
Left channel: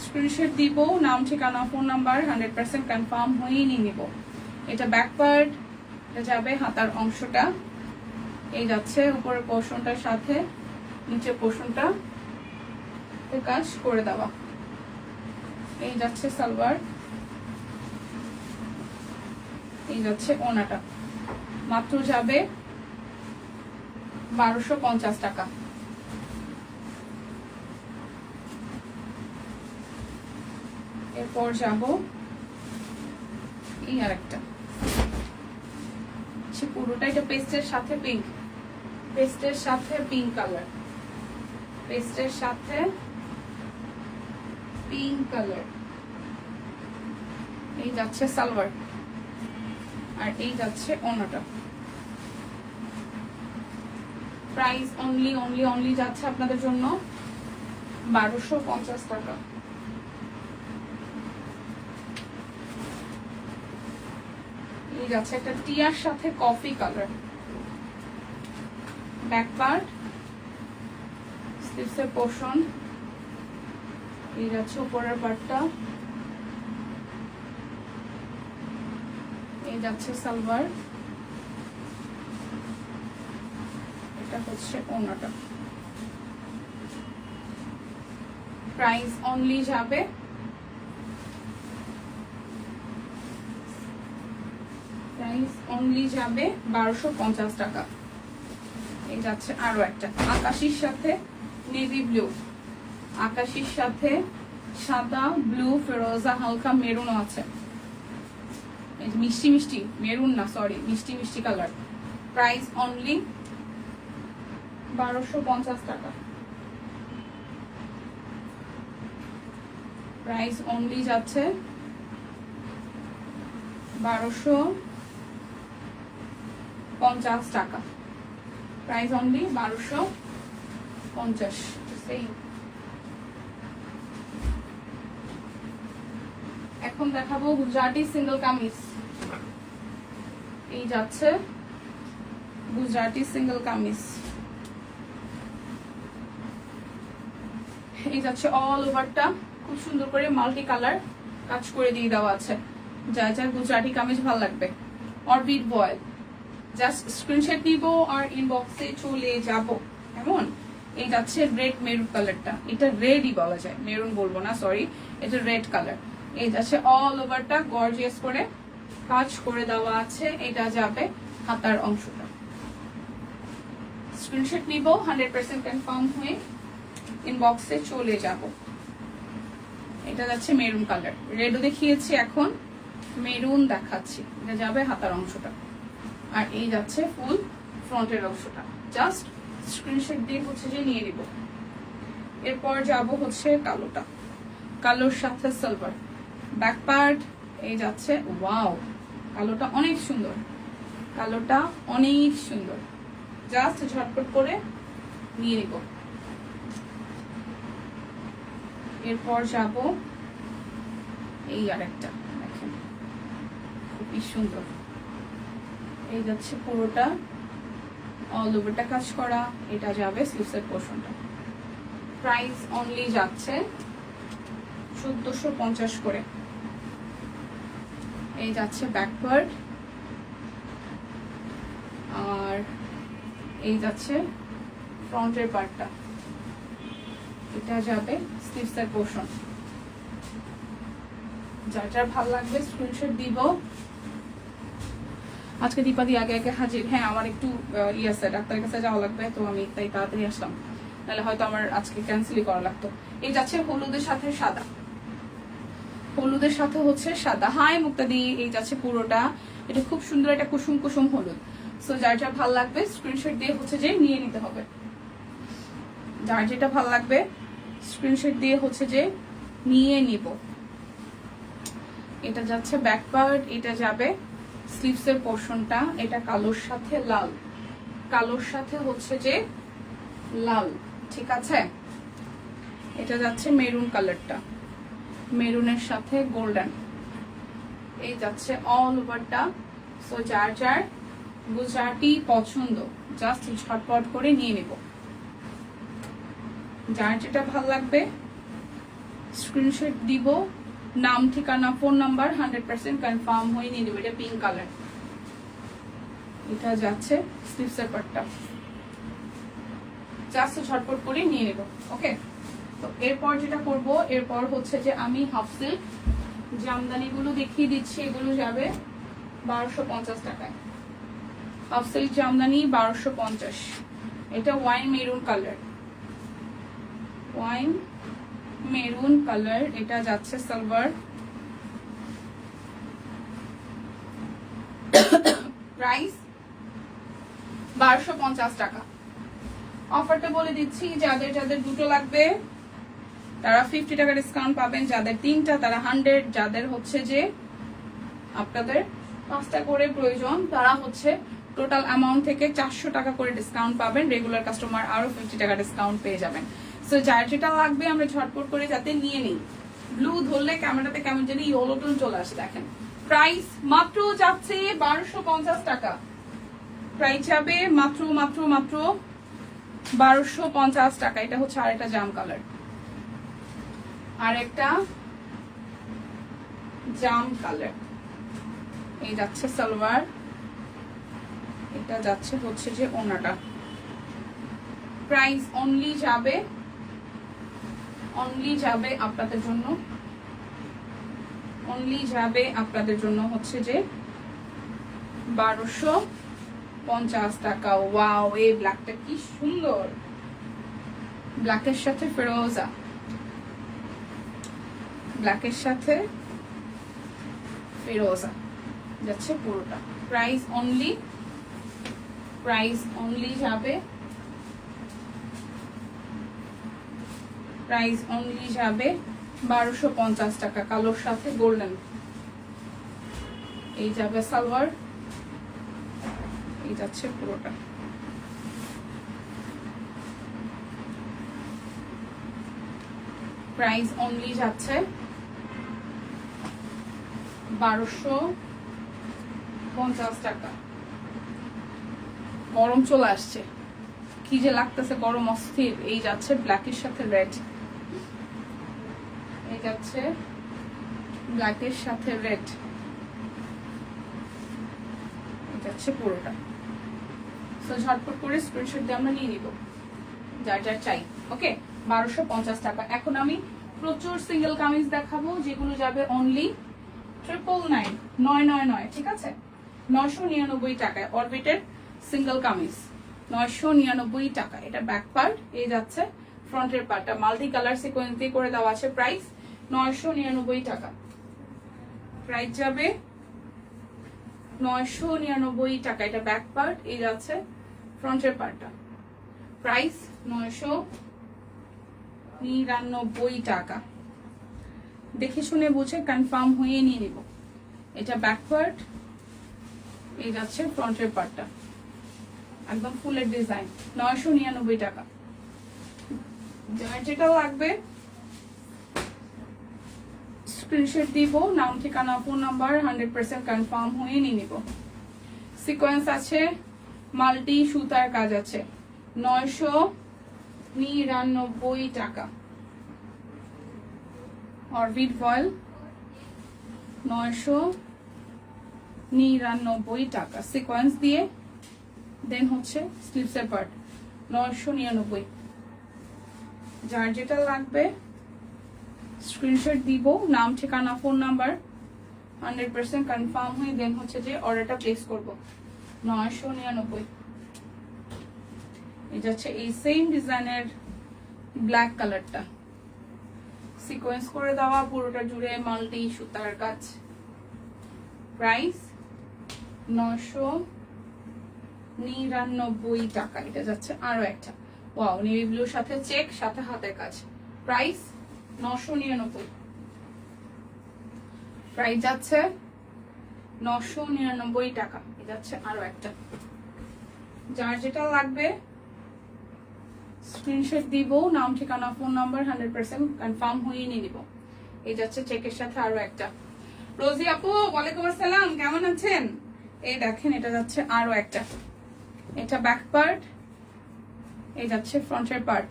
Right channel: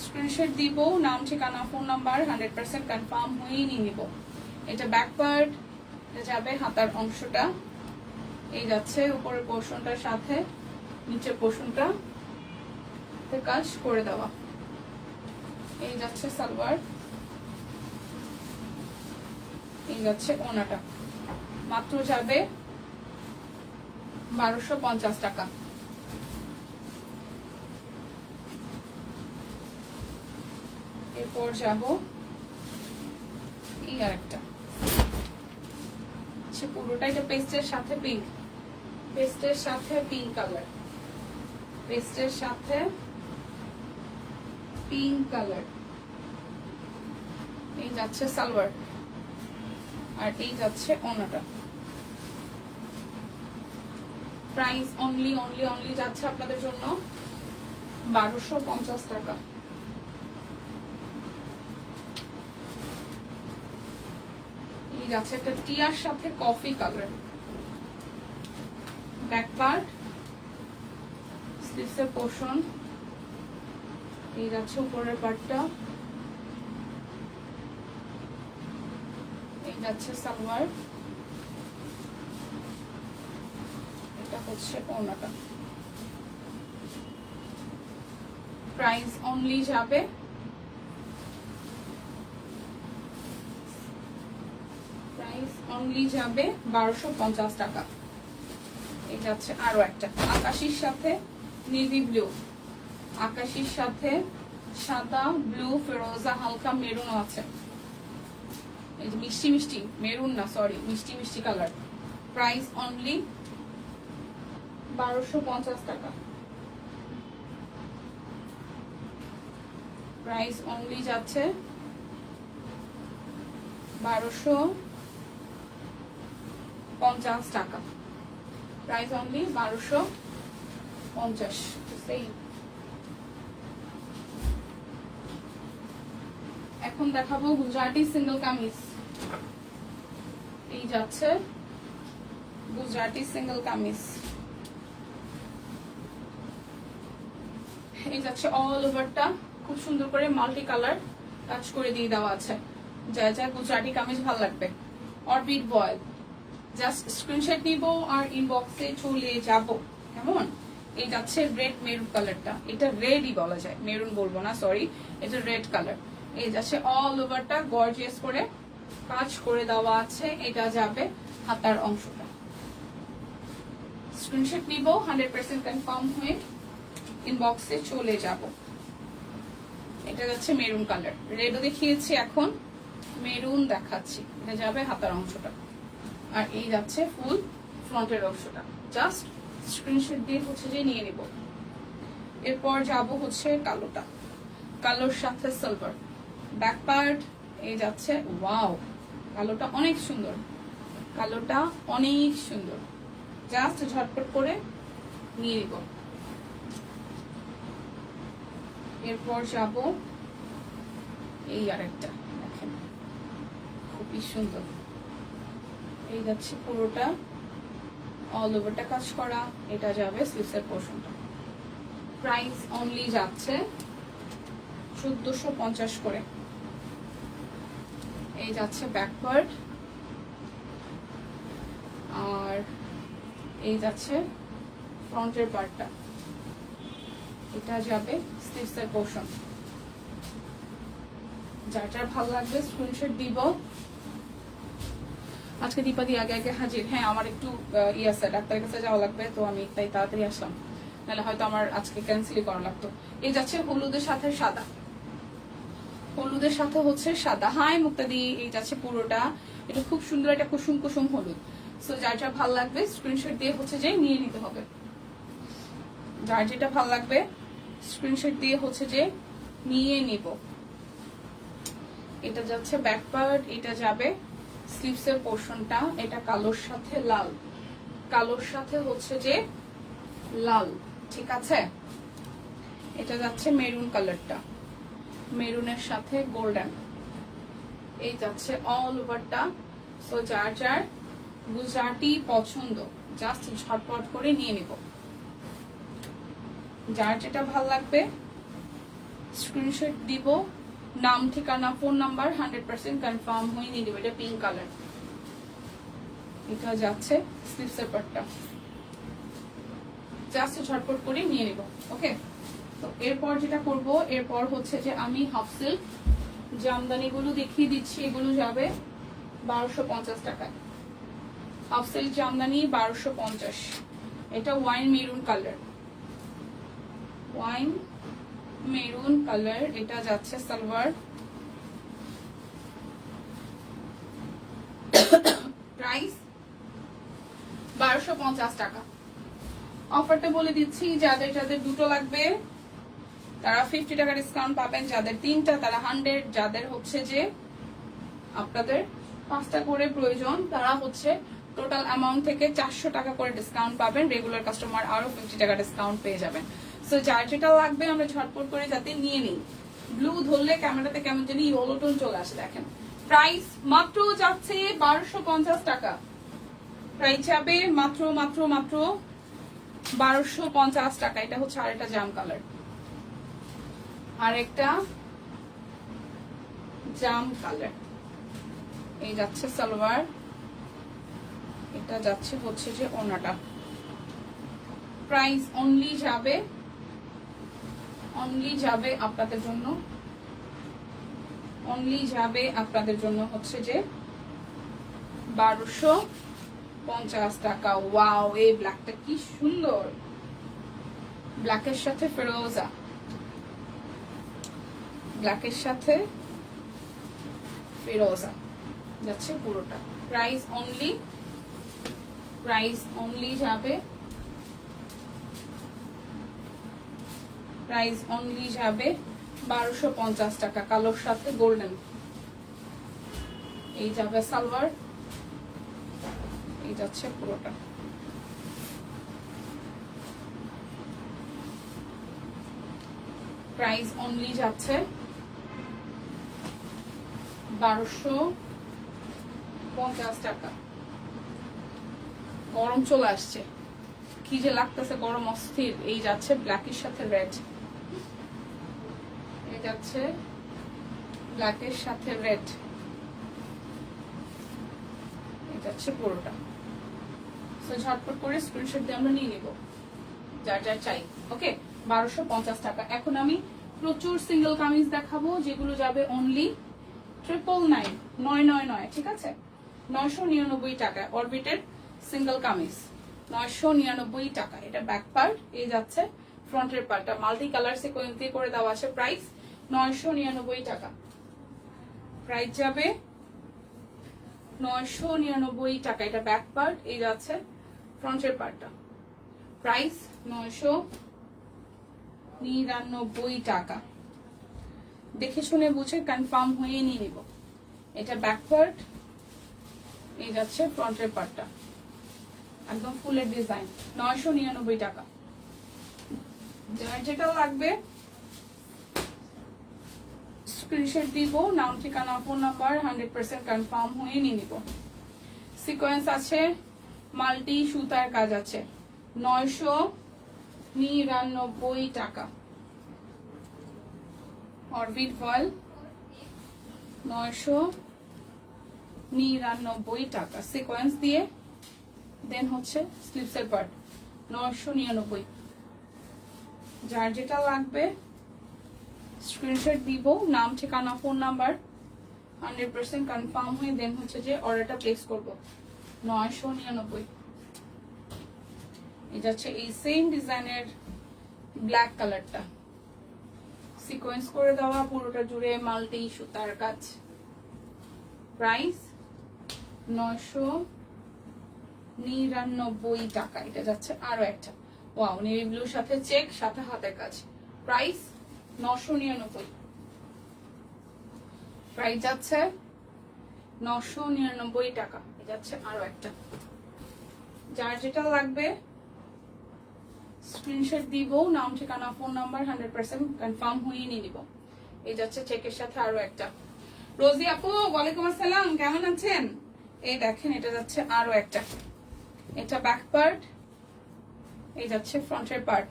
স্ক্রিনশট দিব, নাম ঠিকানা ফোন নাম্বার 100% কনফার্ম হয়ে নিয়ে নিব। এটা ব্যাক পার্ট, এটা যাবে হাতার অংশটা, এই যাচ্ছে উপরের পোর্শনটার সাথে নিচের পোর্শনটা কাজ করে দেওয়া। এই যাচ্ছে সালোয়ার, এই যাচ্ছে ওড়নাটা। মাত্র যাবে 1250 টাকা। এরপর যাব এই আর একটা, পুরোটা এটা পেস্টের সাথে পিঙ্ক, পেস্টের সাথে পিঙ্ক কালার, পেস্টের সাথে পিঙ্ক কালার। এই যাচ্ছে সালোয়ার, আর এই যাচ্ছে ওড়নাটা। প্রাইস অনলি অনলি অনলি যাচ্ছে আপনাদের জন্য 1250 টাকা। এই যাচ্ছে একটা টিয়ার সাথে coffee colour, back part sleeves এর পোর্শন, এই যাচ্ছে উপরের পার্টটা, এই যাচ্ছে সালোয়ার, এটা হচ্ছে ওড়নাটা। প্রাইস অনলি যাবে প্রাইস অনলি যাবে 1250 টাকা। এই যাচ্ছে আরো একটা আকাশির সাথে নেভি ব্লু, আকাশির সাথে সাদা ব্লু ফেরোজা হালকা মেরুন আছে, এই যে মিষ্টি মিষ্টি মেরুন না সরি মিষ্টি মিষ্টি কালার। প্রাইস অনলি 1250 টাকা। প্রাইস অনলি যাচ্ছে 1250 টাকা। Price only 1250। এখন দেখাবো গুজরাটি সিঙ্গেল কামিজ। এই যাচ্ছে গুজরাটি সিঙ্গেল কামিজ, এই যাচ্ছে অল ওভারটা খুব সুন্দর করে মাল্টি কালার কাজ করে দিয়ে দেওয়া আছে। যা যা গুজরাটি কামিজ ভালো লাগবে অরবিট বয়েল, জাস্ট স্ক্রিনশট নিব আর ইনবক্সে চলে যাব। কেমন? এই যাচ্ছে রেড মেরুন কালারটা, এটা রেডই বলা যায়, মেরুন বলবো না সরি, এটা রেড কালার। এই যাচ্ছে অল ওভারটা গর্জিয়াস করে কাজ করে দেওয়া আছে, এটা যাবে হাতার অংশটা। স্ক্রিনশট নিব, 100% কনফার্ম হয়ে ইনবক্সে চলে যাব। এটা যাচ্ছে মেরুন কালার, রেডও দেখিয়েছি, এখন মেরুন দেখাচ্ছি। এটা যাবে হাতার অংশটা, আর এই যাচ্ছে ফুল ফ্রন্টের অংশটা। জাস্ট স্ক্রিনশট দিয়ে হচ্ছে যে নিয়ে নিব। এরপর যাব হচ্ছে কালোটা, কালোর সাথে সিলভার ব্যাক পার্ট। এই যাচ্ছে ওয়াও, কালোটা অনেক সুন্দর, কালোটা অনেক সুন্দর, জাস্ট ঝটপট করে নিয়ে নিব। এরপর যাব এই আরেকটা, দেখেন খুবই সুন্দর। এই যাচ্ছে পুরোটা অল ওভারটা কাজ করা, এটা যাবে স্লিভসের পোর্শনটা। প্রাইস অনলি যাচ্ছে 1450 করে। এই যাচ্ছে ব্যাক পার্ট, আর এই যাচ্ছে ফ্রন্টের পার্টটা, এটা যাবে স্লিভসের পোর্শন। যার যার ভালো লাগবে স্ক্রিনশট দিব। আজকে দীপাদি আগে আগে হাজির। হ্যাঁ, আমার একটু আছে, ডাক্তারের কাছে যাওয়া লাগবে, তো আমি তাই তাড়াতাড়ি আসলাম, নাহলে হয়তো আমার আজকে ক্যান্সেলই করা লাগতো। এই যাচ্ছে হলুদের সাথে সাদা, হলুদের সাথে হচ্ছে সাদা। হাই মুক্তাদি, এই যাচ্ছে পুরোটা, এটা খুব সুন্দর, এটা কুসুম কুসুম হলুদ। সো যার যা ভালো লাগবে স্ক্রিনশট দিয়ে হচ্ছে যে নিয়ে নিতে হবে। যার যেটা ভালো লাগবে স্ক্রিনশট দিয়ে হচ্ছে যে নিয়ে নিব। এটা যাচ্ছে ব্যাক পার্ট, এটা যাবে স্লিভসের পোর্শনটা। এটা কালোর সাথে লাল, কালোর সাথে হচ্ছে যে লাল, ঠিক আছে। এটা যাচ্ছে মেরুন কালারটা, মেরুনের সাথে গোল্ডেন। এই যাচ্ছে অল ওভারটা। সো যার যার গুজরাটি পছন্দ জাস্ট ঝটপট করে নিয়ে নিব। যার যেটা ভালো লাগবে স্ক্রিনশট দিব, নাম ঠিকানা ফোন নাম্বার 100% কনফার্ম হয়ে নিয়ে দেবো। এটা পিঙ্ক কালার, এটা যাচ্ছে স্লিভসের পার্টটা, জাস্ট ঝটপট করে নিয়ে নেব। ওকে, তো এরপর যেটা করব, এরপর হচ্ছে যে আমি হাফ সিল্ক জামদানি গুলো দেখিয়ে দিচ্ছি। এগুলো যাবে 1250 টাকায়। Half silk Jamdani 1250। এটা wine maroon colour, wine maroon colour. এটা যাচ্ছে সালোয়ার, প্রাইস 1250 টাকা। অফারটা বলে দিচ্ছি, যাদের যাদের দুটো লাগবে তারা 50 টাকা ডিসকাউন্ট পাবেন, যাদের তিনটা তারা 100, যাদের হচ্ছে যে আপনাদের 5টা করে প্রয়োজন তারা হচ্ছে টোটাল অ্যামাউন্ট থেকে 400 টাকা করে ডিসকাউন্ট পাবেন। রেগুলার কাস্টমার আরো 50 টাকা ডিসকাউন্ট পেয়ে যাবেন। সো যার যেটা লাগবে আমরা ঝটপট করে যাতে নিয়ে নিই। ব্লু ধরলে ক্যামেরাতে কেমন জানি ইয়েলো টোন চলে আসে, দেখেন। প্রাইস মাত্র যাচ্ছে 1250 টাকা, প্রাইস যাবে মাত্র মাত্র মাত্র 1250 টাকা। এটা হচ্ছে আরেকটা জাম কালার, আরেকটা জাম কালার। এই যাচ্ছে সালোয়ার, এটা যাচ্ছে হচ্ছে যে ওনাটা। প্রাইস অনলি যাবে আপনাদের জন্য, অনলি যাবে আপনাদের জন্য হচ্ছে যে 1250 টাকা। ওয়াও, এই ব্ল্যাকটা কি সুন্দর, ব্ল্যাকের সাথে ফিরোজা, ব্ল্যাকের সাথে ফিরোজা যাচ্ছে পুরোটা। প্রাইস অনলি যাবে, প্রাইস অনলি যাবে 1250 টাকা। কালোর সাথে গোল্ডেন। এই যাবে সালোয়ার, এই যাচ্ছে পুরোটা। প্রাইস অনলি যাচ্ছে 1250 টাকা। গরম চলে আসছে, কি যে লাগতেছে গরম অস্থির। এই যাচ্ছে ব্ল্যাকের সাথে রেড, এই যাচ্ছে ব্ল্যাকের সাথে রেড, এই যাচ্ছে পুরোটা। সো ঝটপট করে স্ক্রিনশট দিয়ে আমরা নিয়ে নিব যার যার চাই। ওকে, 1250 টাকা। এখন আমি প্রচুর সিঙ্গেল কামিজ দেখাবো যেগুলো যাবে অনলি 999, ঠিক আছে, 999 টাকায়। অরবিটের সিঙ্গেল কামিজ 999 টাকা। এটা ব্যাক পার্ট, এই যাচ্ছে ফ্রন্টের পার্টটা মাল্টি কালার সিকোয়েন্স দিয়ে করে দেওয়া আছে। প্রাইস 999 টাকা, প্রাইস যাবে 999 টাকা। এটা ব্যাক পার্ট, এই যাচ্ছে ফ্রন্টের পার্টটা। প্রাইস 999 টাকা। দেখে শুনে বুঝে কনফার্ম হয়ে নিয়ে নিব। এটা ব্যাক পার্ট, এই যাচ্ছে ফ্রন্টের পার্টটা, একদম ফুলের ডিজাইন। 999 টাকা। যার যেটা লাগবে স্ক্রিনশট দিব, নাম ঠিকানা ফোন নাম্বার 100% কনফার্ম হয়ে নিয়ে নিব। সিকোয়েন্স আছে, মাল্টি সুতার কাজ আছে। 999 টাকা। অরবিট ফয়েল 999 টাকা। সিকোয়েন্স দিয়ে দেন হচ্ছে স্লিভসের পার্ট 999। যার যেটা লাগবে স্ক্রিনশট দিব, নাম ঠিকানা ফোন নাম্বার 100% কনফার্ম হয়ে দেন হচ্ছে যে অর্ডারটা প্লেস করব। 999। এটা হচ্ছে এই সেম ডিজাইনের ব্ল্যাক কালারটা, সিকোয়েন্স করে দেওয়া, পুরোটা জুড়ে মাল্টি সুতার কাজ। প্রাইস 999 টাকা। এটা যাচ্ছে আরো একটা, ওয়াও, নেভি ব্লুর সাথে চেক, সাথে হাতের কাজ। প্রাইস 999। প্রাইস যাচ্ছে 999 টাকা। এটা যাচ্ছে আরো একটা। যার যেটা লাগবে স্ক্রিনশট দিব, নাম ঠিকানা ফোন নাম্বার 100% কনফার্ম হয়ে নিয়ে নিব। এই যাচ্ছে চেকের সাথে আরো একটা। রোজি আপু ওয়ালাইকুম আসসালাম, কেমন আছেন? এই দেখেন এটা যাচ্ছে আরো একটা, এটা ব্যাক পার্ট, এই যাচ্ছে ফ্রন্টের পার্ট,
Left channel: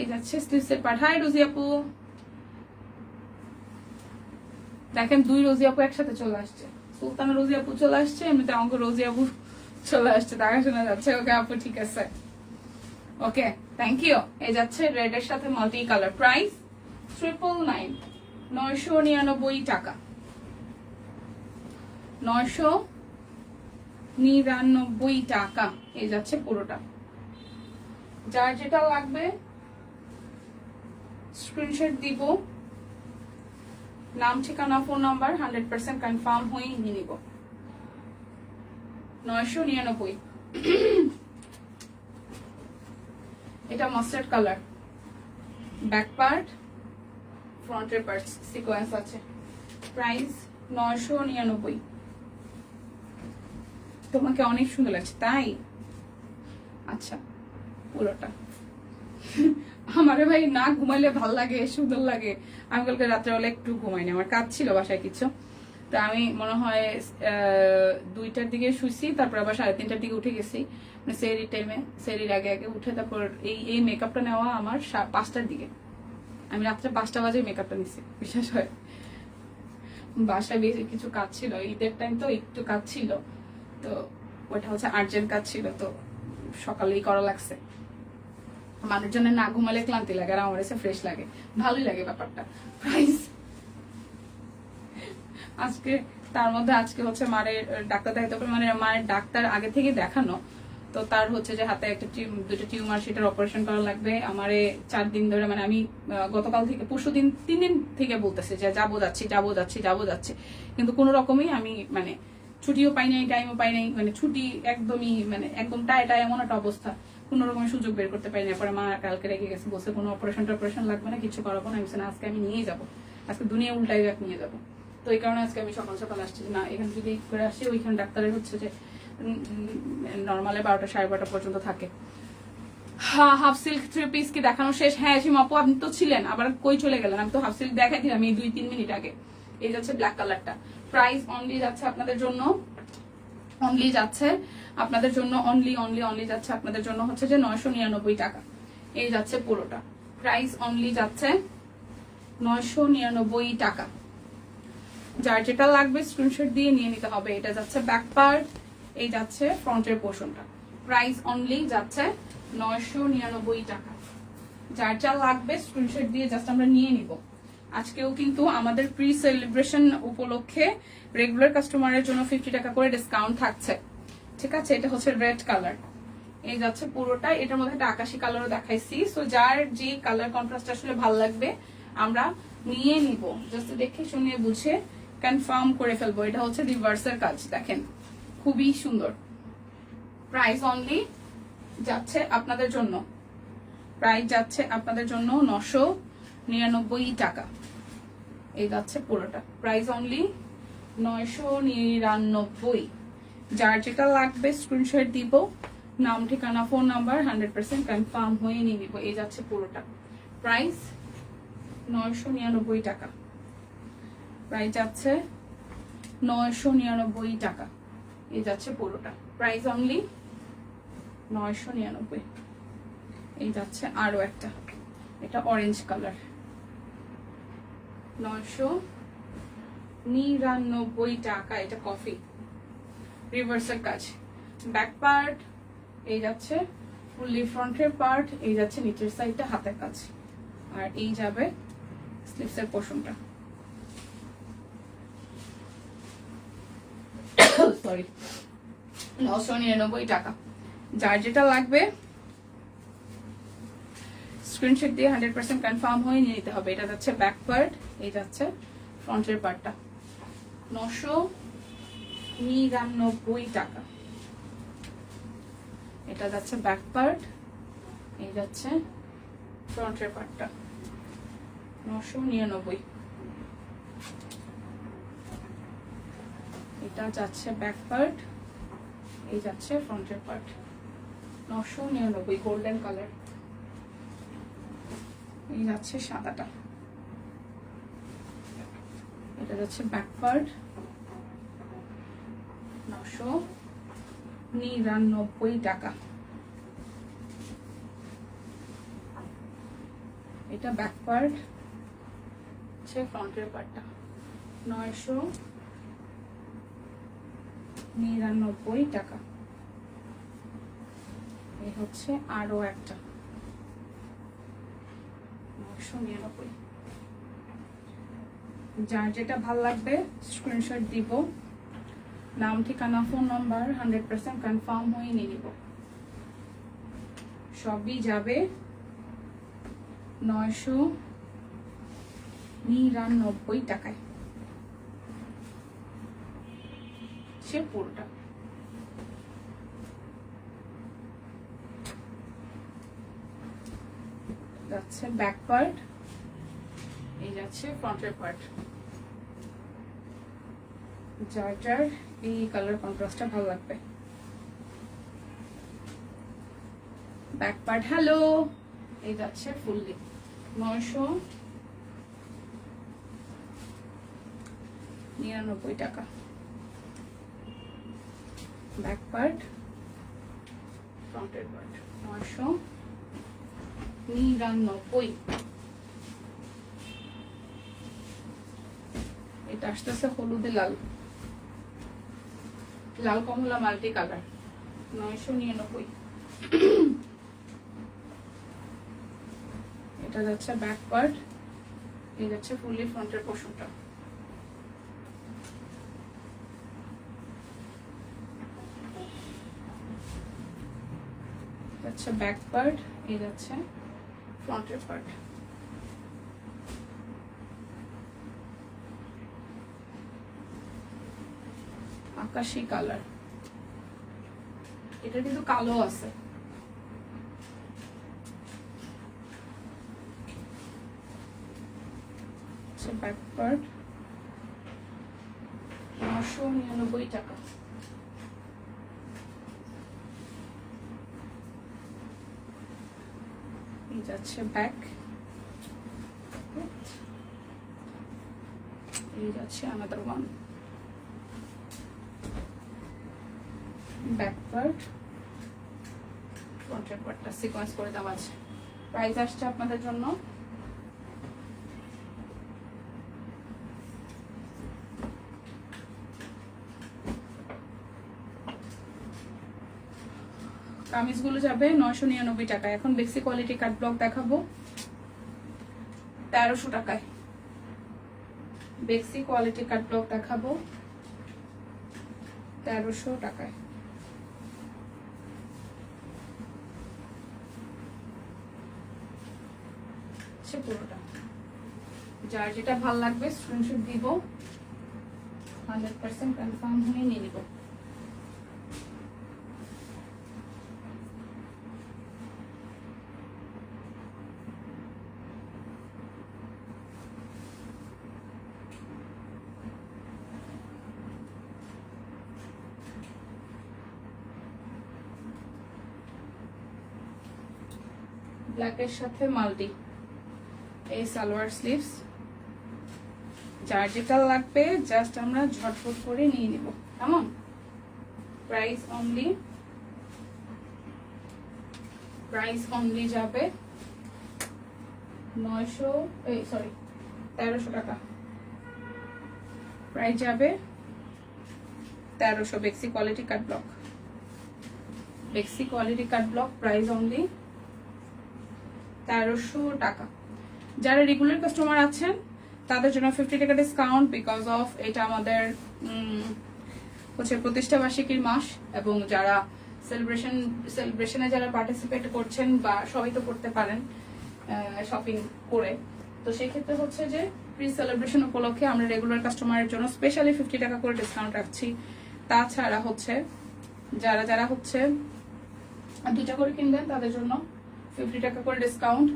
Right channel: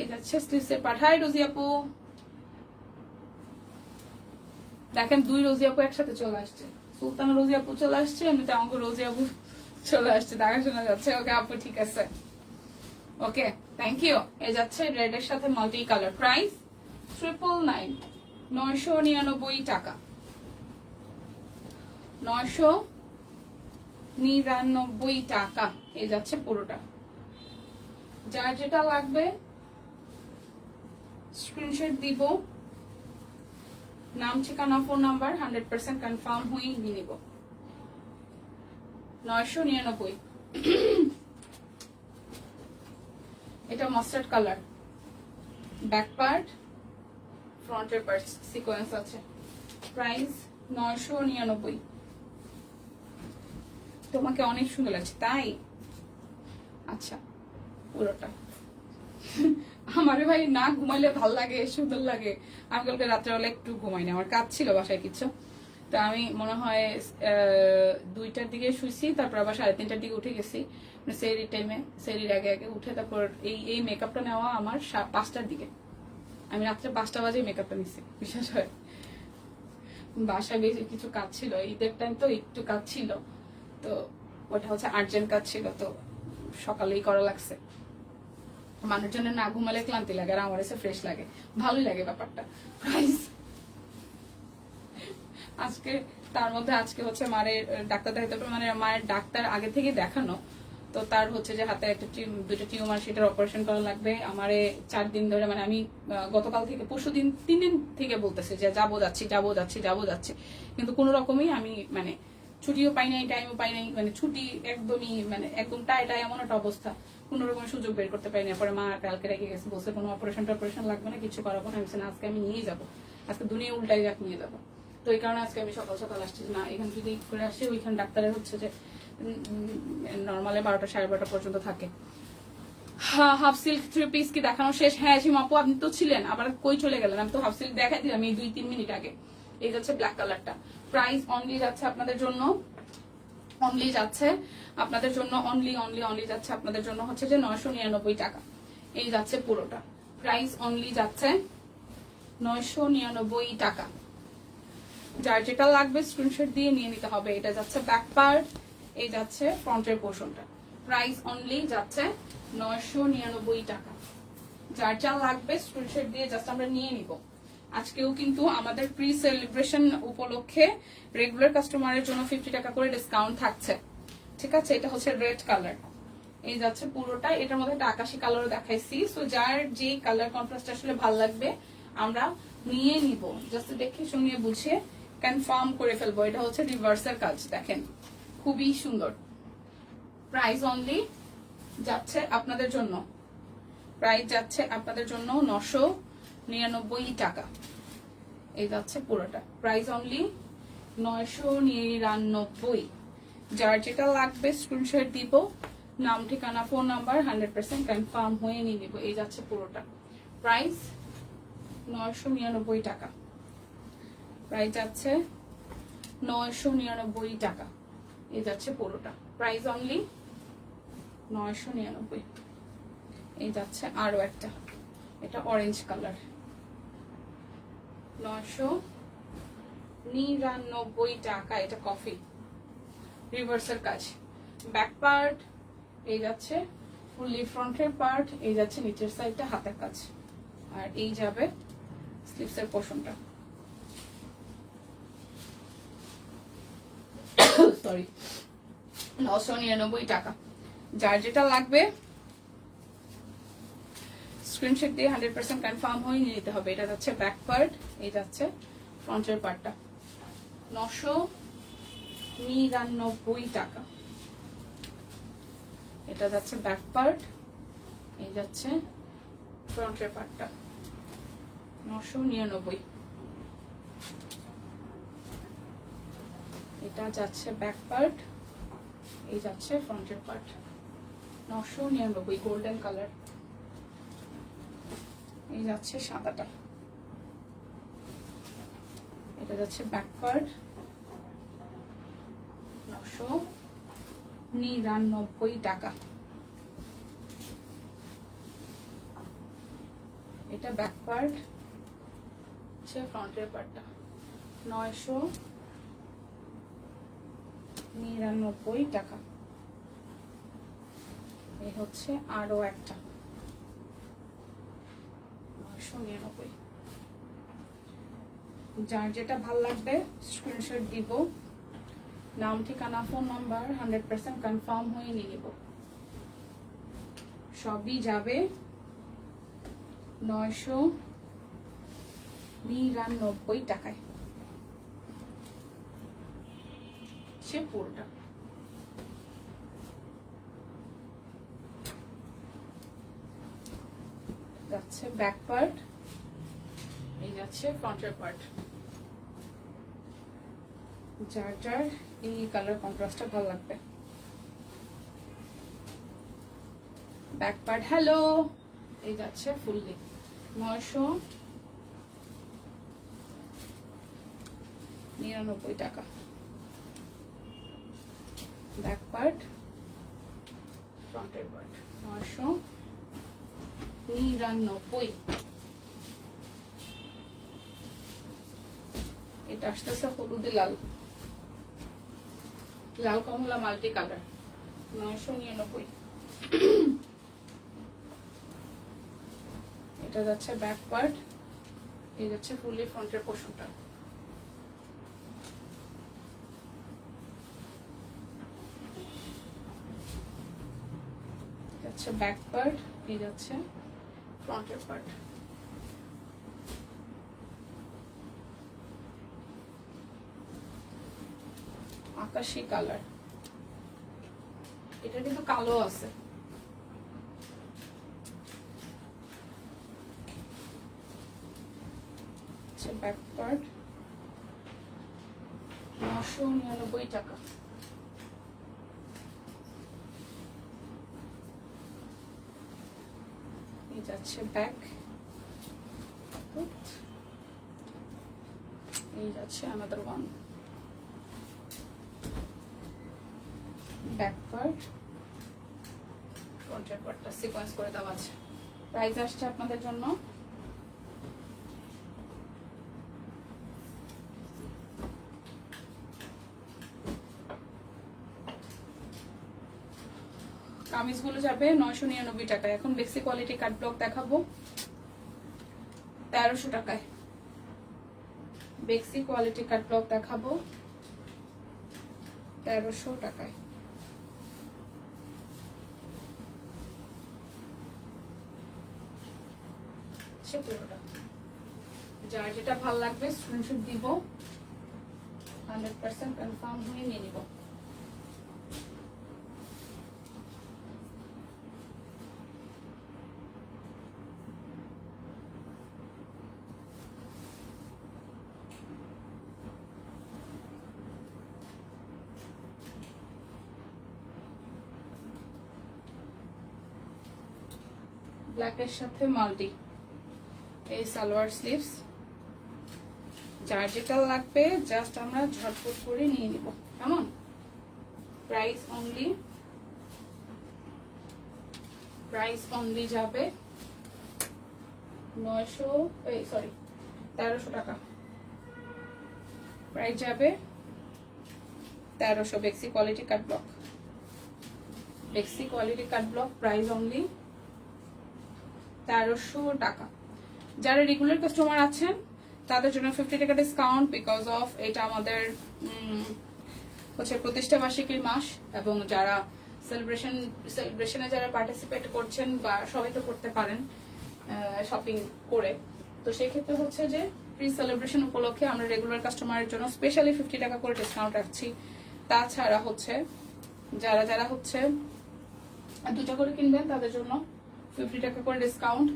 এই যাচ্ছে স্লিভসের পার্ট। হাই রোজি আপু, দেখেন দুই রোজি আপু একসাথে চলে আসছে। সুলতানা রোজি আপু চলে আসছে, এমনিতে আমাকে রোজি আপু চলে আসছে, দেখা শোনা যাচ্ছে। ওকে আপু, ঠিক আছে, ওকে, থ্যাংক ইউ। এই যাচ্ছে রেড এর সাথে মাল্টি কালার। প্রাইস 999, 999 টাকা। 999 টাকা। এই যাচ্ছে পুরোটা। যার যেটা লাগবে স্ক্রিনশট দিব, নাম ঠিকানা ফোন নাম্বার 100% কনফার্ম হয়ে নিয়ে নিব। 999। এটা মাস্টার্ড কালার, ব্যাক পার্ট, ফ্রন্টের পার্ট সিকোয়েন্স আছে। প্রাইস 999। তোমাকে অনেক সুন্দর লাগছে, তাই? আচ্ছা, পুরোটা। আমারে ভাই না ঘুমাইলে ভাল লাগে, সুন্দর লাগে। আমি কালকে রাত্রেবেলা একটু ঘুমাইনি, আমার কাজ ছিল বাসায় কিছু। তো আমি মনে হয় 2টার দিকে শুইছি, তারপর আবার 3:30টার দিকে উঠে গেছি, মানে সেরি টাইমে, সেরির আগে আগে উঠে তারপর এই মেকআপটা নেওয়া আমার 5টার দিকে। আমি রাত্রে 5টা বাজে মেকআপটা নিচ্ছি, বিশেষ হয় বাসায় বেশি কিছু কাজ ছিল, ঈদের টাইম তো একটু কাজ ছিল, তো ওটা হচ্ছে আর্জেন্ট কাজ ছিল, তো সকালেই করা লাগছে। মানুষজনের না ঘুমালে ক্লান্তি লাগে, আর আমার এসে ফ্রেশ লাগে, ভালোই লাগে ব্যাপারটা। প্রাইস আজকে, তার মধ্যে আজকে হচ্ছে মায়ের ডাক্তার দেখাতে হবে, মানে মায়ের ডাক্তার আগে থেকে দেখানো, তো তার হচ্ছে যে হাতে একটা দুটো টিউমার, সেটার অপারেশন করা লাগবে। আমারে 4 দিন ধরে, মানে আমি গতকাল থেকে, পরশু দিন, 3 দিন থেকে বলতেছে যে যাবো যাচ্ছি, কিন্তু কোনো রকমই আমি মানে ছুটিও পাই নাই, টাইমও পাই নাই, মানে ছুটি একদমই, মানে একদম টাইটা এমন একটা অবস্থা, কোন রকমের সুযোগ বের করতে পারি না। পরে মা কালকে রেখে গেছে, বলছে কোনো অপারেশন লাগবে না, কিছু করাবো না। আমি বলছি না, আজকে আমি নিয়ে যাবো, আজকে দুনিয়া উল্টাই নিয়ে যাবো। তো এই কারণে আজকে আমি সকাল সকাল আসছি, না এখান থেকে করে আসি, ওইখানে ডাক্তারের হচ্ছে যে নর্মালে 12টা 12:30 পর্যন্ত থাকে। হ্যাঁ, হাফ সিল্ক 3 পিস কি দেখানো শেষ? হ্যাঁ সীমাপু, আপনি তো ছিলেন, আবার কই চলে গেলেন? আমি তো হাফ সিল্ক দেখাই দিলাম এই 2-3 মিনিট আগে। এই যাচ্ছে ব্ল্যাক কালারটা। প্রাইস অনলি যাচ্ছে আপনাদের জন্য, অনলি যাচ্ছে আপনাদের জন্য, অনলি যাচ্ছে আপনাদের জন্য হচ্ছে যে 999 টাকা। এই যাচ্ছে পুরোটা। প্রাইস অনলি যাচ্ছে 999 টাকা। যার যেটা লাগবে স্ক্রিনশট দিয়ে নিয়ে নিতে হবে। এটা যাচ্ছে ব্যাক পার্ট, এই যাচ্ছে ফ্রন্টের পোর্শনটা। প্রাইস অনলি যাচ্ছে 999 টাকা। যার যা লাগবে স্ক্রিনশট দিয়ে জাস্ট আমরা নিয়ে নিব। আজকেও কিন্তু আমাদের প্রি সেলিব্রেশন উপলক্ষে রেগুলার কাস্টমারের জন্য 50 টাকা করে ডিসকাউন্ট থাকছে, ঠিক আছে? এটা হচ্ছে রেড কালার, এই যাচ্ছে পুরোটা। এটার মধ্যে একটা আকাশি কালারও দেখাইছি। সো যার যে কালার কন্ট্রাস্ট আসলে ভালো লাগবে আমরা নিয়ে নিব, জাস্ট দেখে শুনে বুঝে কনফার্ম করে ফেলবো। এটা হচ্ছে রিভার্সের কাজ, দেখেন খুবই সুন্দর। প্রাইস অনলি যাচ্ছে আপনাদের জন্য, প্রাইস যাচ্ছে আপনাদের জন্য 999 টাকা। এই যাচ্ছে পুরোটা। Price only 999। যার যেটা লাগবে স্ক্রিনশট দিব, নাম ঠিকানা ফোন নাম্বার 100% কনফার্ম হয়ে নিয়ে নিব। এই যাচ্ছে পুরোটা। প্রাইস 999 টাকা। প্রাইস যাচ্ছে 999 টাকা। এই যাচ্ছে পুরোটা। Price only 999। এই যাচ্ছে আরো একটা, এটা অরেঞ্জ কালার, 999 টাকা। এটা কফি রিভার্সের কাজ। ব্যাক পার্ট এই যাচ্ছে, ফুললি ফ্রন্টের পার্ট এই যাচ্ছে, নিচের সাইডটা হাতের কাছে, আর এই যাবে স্লিভসের পোর্শনটা। সরি, 999 টাকা। যার যেটা লাগবে স্ক্রিনশট দিয়ে 100% কনফার্ম হয়ে নিয়ে নিতে হবে। এটা যাচ্ছে ব্যাক পার্ট, এই যাচ্ছে ফ্রন্টের পার্টটা, 999 টাকা। এটা যাচ্ছে ব্যাক পার্ট, এই যাচ্ছে ফ্রন্টের পার্টটা, 999। এটা যাচ্ছে ব্যাক পার্ট, এই যাচ্ছে ফ্রন্টের পার্ট, 999 গোল্ডেন কালার। এই যাচ্ছে সাদাটা, এটা যাচ্ছে ব্যাক পার্ট, 999 টাকা। এটা ব্যাক পার্ট, হচ্ছে ফ্রন্টের পার্টটা, 999 টাকা। এই হচ্ছে আরো একটা, 999। যার যেটা ভাল লাগবে স্ক্রিনশট দিব, নাম ঠিকানা ফোন নাম্বার 100% কনফার্ম হয়ে নিয়ে নিব। সবই যাবে 999 টাকায়, সে পুরোটা। যাচ্ছে ব্যাক পার্ট, এই যাচ্ছে ফ্রন্টের পার্ট। যার যার এই কালার কন্ট্রাস্টটা ভালো লাগবে। ব্যাক পার্ট হ্যালো, এই যাচ্ছে ফুললি 999 টাকা। ব্যাক পার্ট, ফ্রন্টের পার্ট, 999। এটা আসতেছে হলুদে লাল, লাল কমলা মাল্টি কালার, 999। এটা যাচ্ছে ব্যাক পার্ট, এই যাচ্ছে ফুললি ফ্রন্টের পোর্শনটা, যাচ্ছে ব্যাক পার্ট, এই যাচ্ছে ফ্রন্টের পার্ট। আকাশি কালার, এটা কিন্তু কালো আছে। ব্যাক পার্ট, 999 টাকা। এই যাচ্ছে ব্যাক, এই যাচ্ছে আনাদার ওয়ান। ব্যাক পার্ট, ফ্রন্টের পার্টটা সিকোয়েন্স করে দেওয়া আছে। প্রাইস আসছে আপনাদের জন্য কামিজগুলো যাবে 999 টাকা। এখন বেক্সি কোয়ালিটি কাট ব্লক দেখাবো 1300 টাকায়। বেক্সি কোয়ালিটি কাট ব্লক দেখাবো 1300 টাকায়। পুরোটা যার যেটা ভালো লাগবে স্ক্রিনশট দিব, 100% কনফার্ম হয়ে নিয়ে নিব। ব্ল্যাকের সাথে মাল্টি, এই সালোয়ার স্লিভস। যার যেটা লাগবে জাস্ট আমরা ঝটপট করে নিয়ে নিব। কেমন? প্রাইস অনলি যাবে 1300 টাকা। প্রাইস যাবে 1300। বেক্সি কোয়ালিটি কাট ব্লক বেক্সি কোয়ালিটি কাট ব্লক, প্রাইস অনলি 1300 টাকা। যারা রেগুলার কাস্টমার আছেন তাদের জন্য 50 টাকা ডিসকাউন্ট, বিকজ অফ এটা আমাদের হচ্ছে প্রতিষ্ঠা বার্ষিকীর মাস, এবং যারা সেলিব্রেশনে যারা পার্টিসিপেট করছেন বা সবাই তো করতে পারেন শপিং করে, তো সেই ক্ষেত্রে হচ্ছে যে প্রি সেলিব্রেশন উপলক্ষে আমরা রেগুলার কাস্টমারের জন্য স্পেশালি 50 টাকা করে ডিসকাউন্ট রাখছি। তাছাড়া হচ্ছে যারা হচ্ছে 2টা করে কিনবেন তাদের জন্য 50 টাকা করে ডিসকাউন্ট,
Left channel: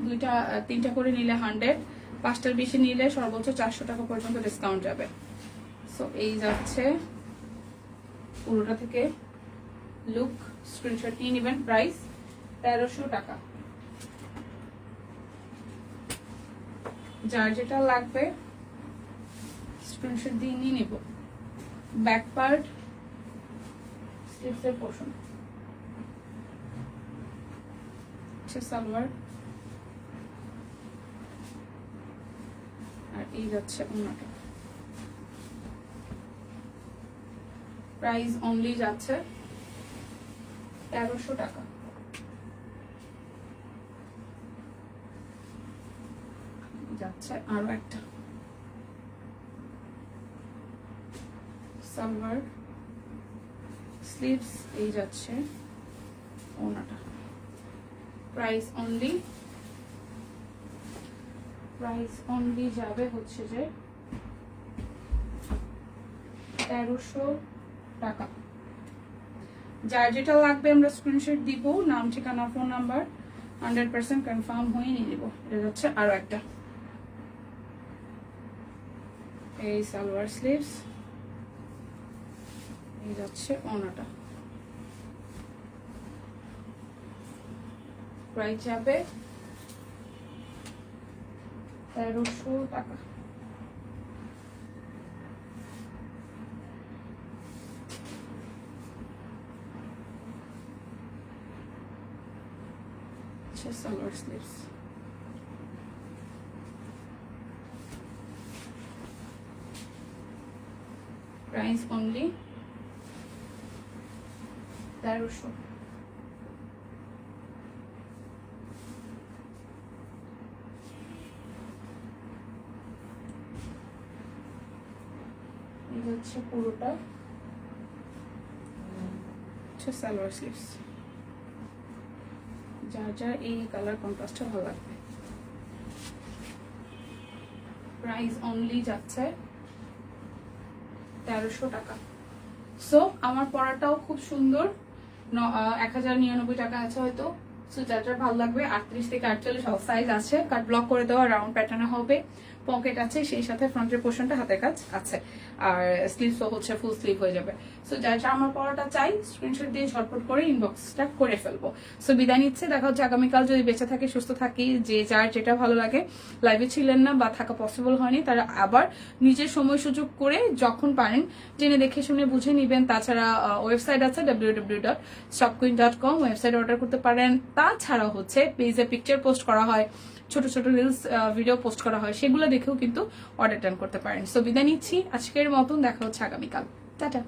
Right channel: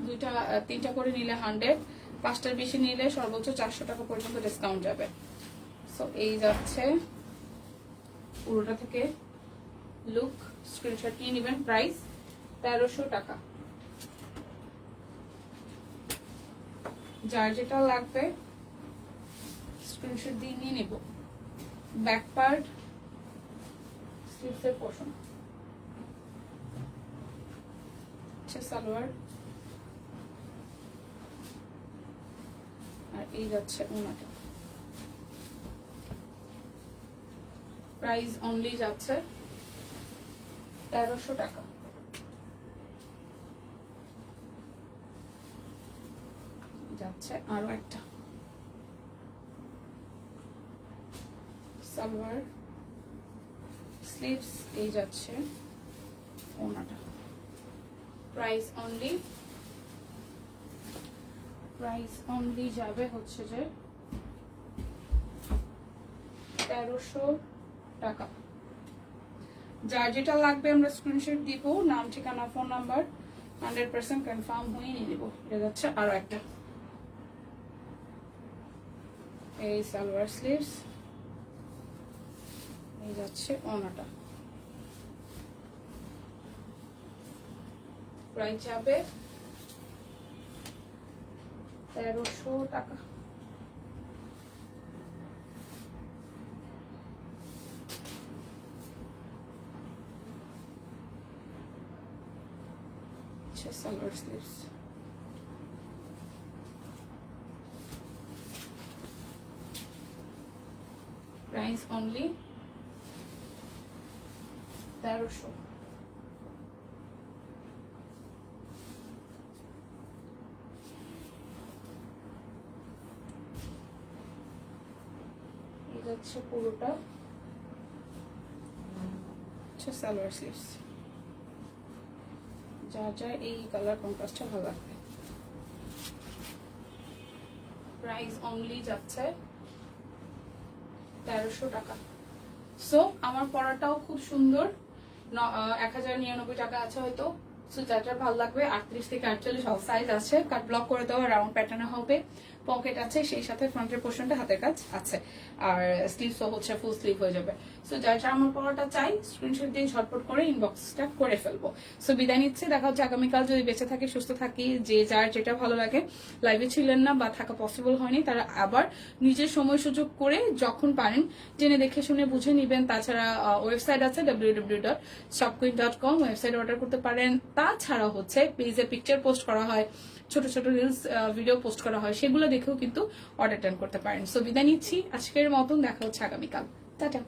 3টা করে নিলে 100, 5টার বেশি নিলে সর্বোচ্চ 400 টাকা পর্যন্ত ডিসকাউন্ট যাবে। সো এই যাচ্ছে পুরোটা থেকে লুক, স্ক্রিনশট নিয়ে নেবেন। প্রাইস 1300 টাকা। যার যেটা লাগবে স্ক্রিনশট দিয়ে নিয়ে নিব। ব্যাক পার্ট, স্লিভসের পোর্শন, সালোয়ার, আর এই যাচ্ছে ওনাটা। প্রাইস অনলি যাচ্ছে 1300 টাকা। যাচ্ছে আরো একটা সালোয়ার, স্লিভস, এই যাচ্ছে ওনাটা। প্রাইস অনলি যাবে হচ্ছে যে 1300 টাকা। যার যেটা লাগবে আমরা স্ক্রিনশট দিব, নাম, ঠিকানা, ফোন নাম্বার 100% কনফার্ম হয়ে নিয়ে নিব। এটা যাচ্ছে আরো একটা, এই সালোয়ার, স্লিভস, এই যাচ্ছে ওনাটা। প্রাইস যাবে 1300 টাকা। Salwar, sleeves, price only 1300। এই হচ্ছে পুরোটা সালোয়ার, স্লিভস। যার এই কালার কন্ট্রাস্টটা ভালো লাগবে। প্রাইস অনলি যাচ্ছে 1300 টাকা। সো আমার পরাটাও খুব সুন্দর, 1099 টাকা আছে হয়তো। সো যার ভালো লাগবে 38 থেকে 48 সব সাইজ আছে। কাট ব্লক করে দেওয়া, রাউন্ড প্যাটার্ন হবে, পকেট আছে, সেই সাথে ফ্রন্টের পোর্শনটা হাতের কাজ আছে, আর স্লিভসও হচ্ছে ফুল স্লিভ হয়ে যাবে। সো যার আমার পরাটা চাই স্ক্রিনশট দিয়ে ঝটপট করে ইনবক্সটা করে ফেলবো। সো বিদায় নিচ্ছে, দেখা হচ্ছে আগামীকাল। যদি বেঁচে থাকি, সুস্থ থাকি, যে যার যেটা ভালো লাগে, লাইভে ছিলেন না বা থাকা পসিবল হয়নি, তারা আবার নিজের সময় সুযোগ করে যখন পারেন জেনে দেখে শুনে বুঝে নিবেন। তাছাড়া ওয়েবসাইট আছে www.shopqueen.com, ওয়েবসাইটে অর্ডার করতে পারেন। তাছাড়াও হচ্ছে পেজে পিকচার পোস্ট করা হয়, ছোট ছোট রিলস ভিডিও পোস্ট করা হয়, সেগুলো দেখেও কিন্তু অর্ডার টার্ন করতে পারেন। সো বিদায় নিচ্ছি আজকের মতন, দেখা হচ্ছে আগামীকাল। টাটা।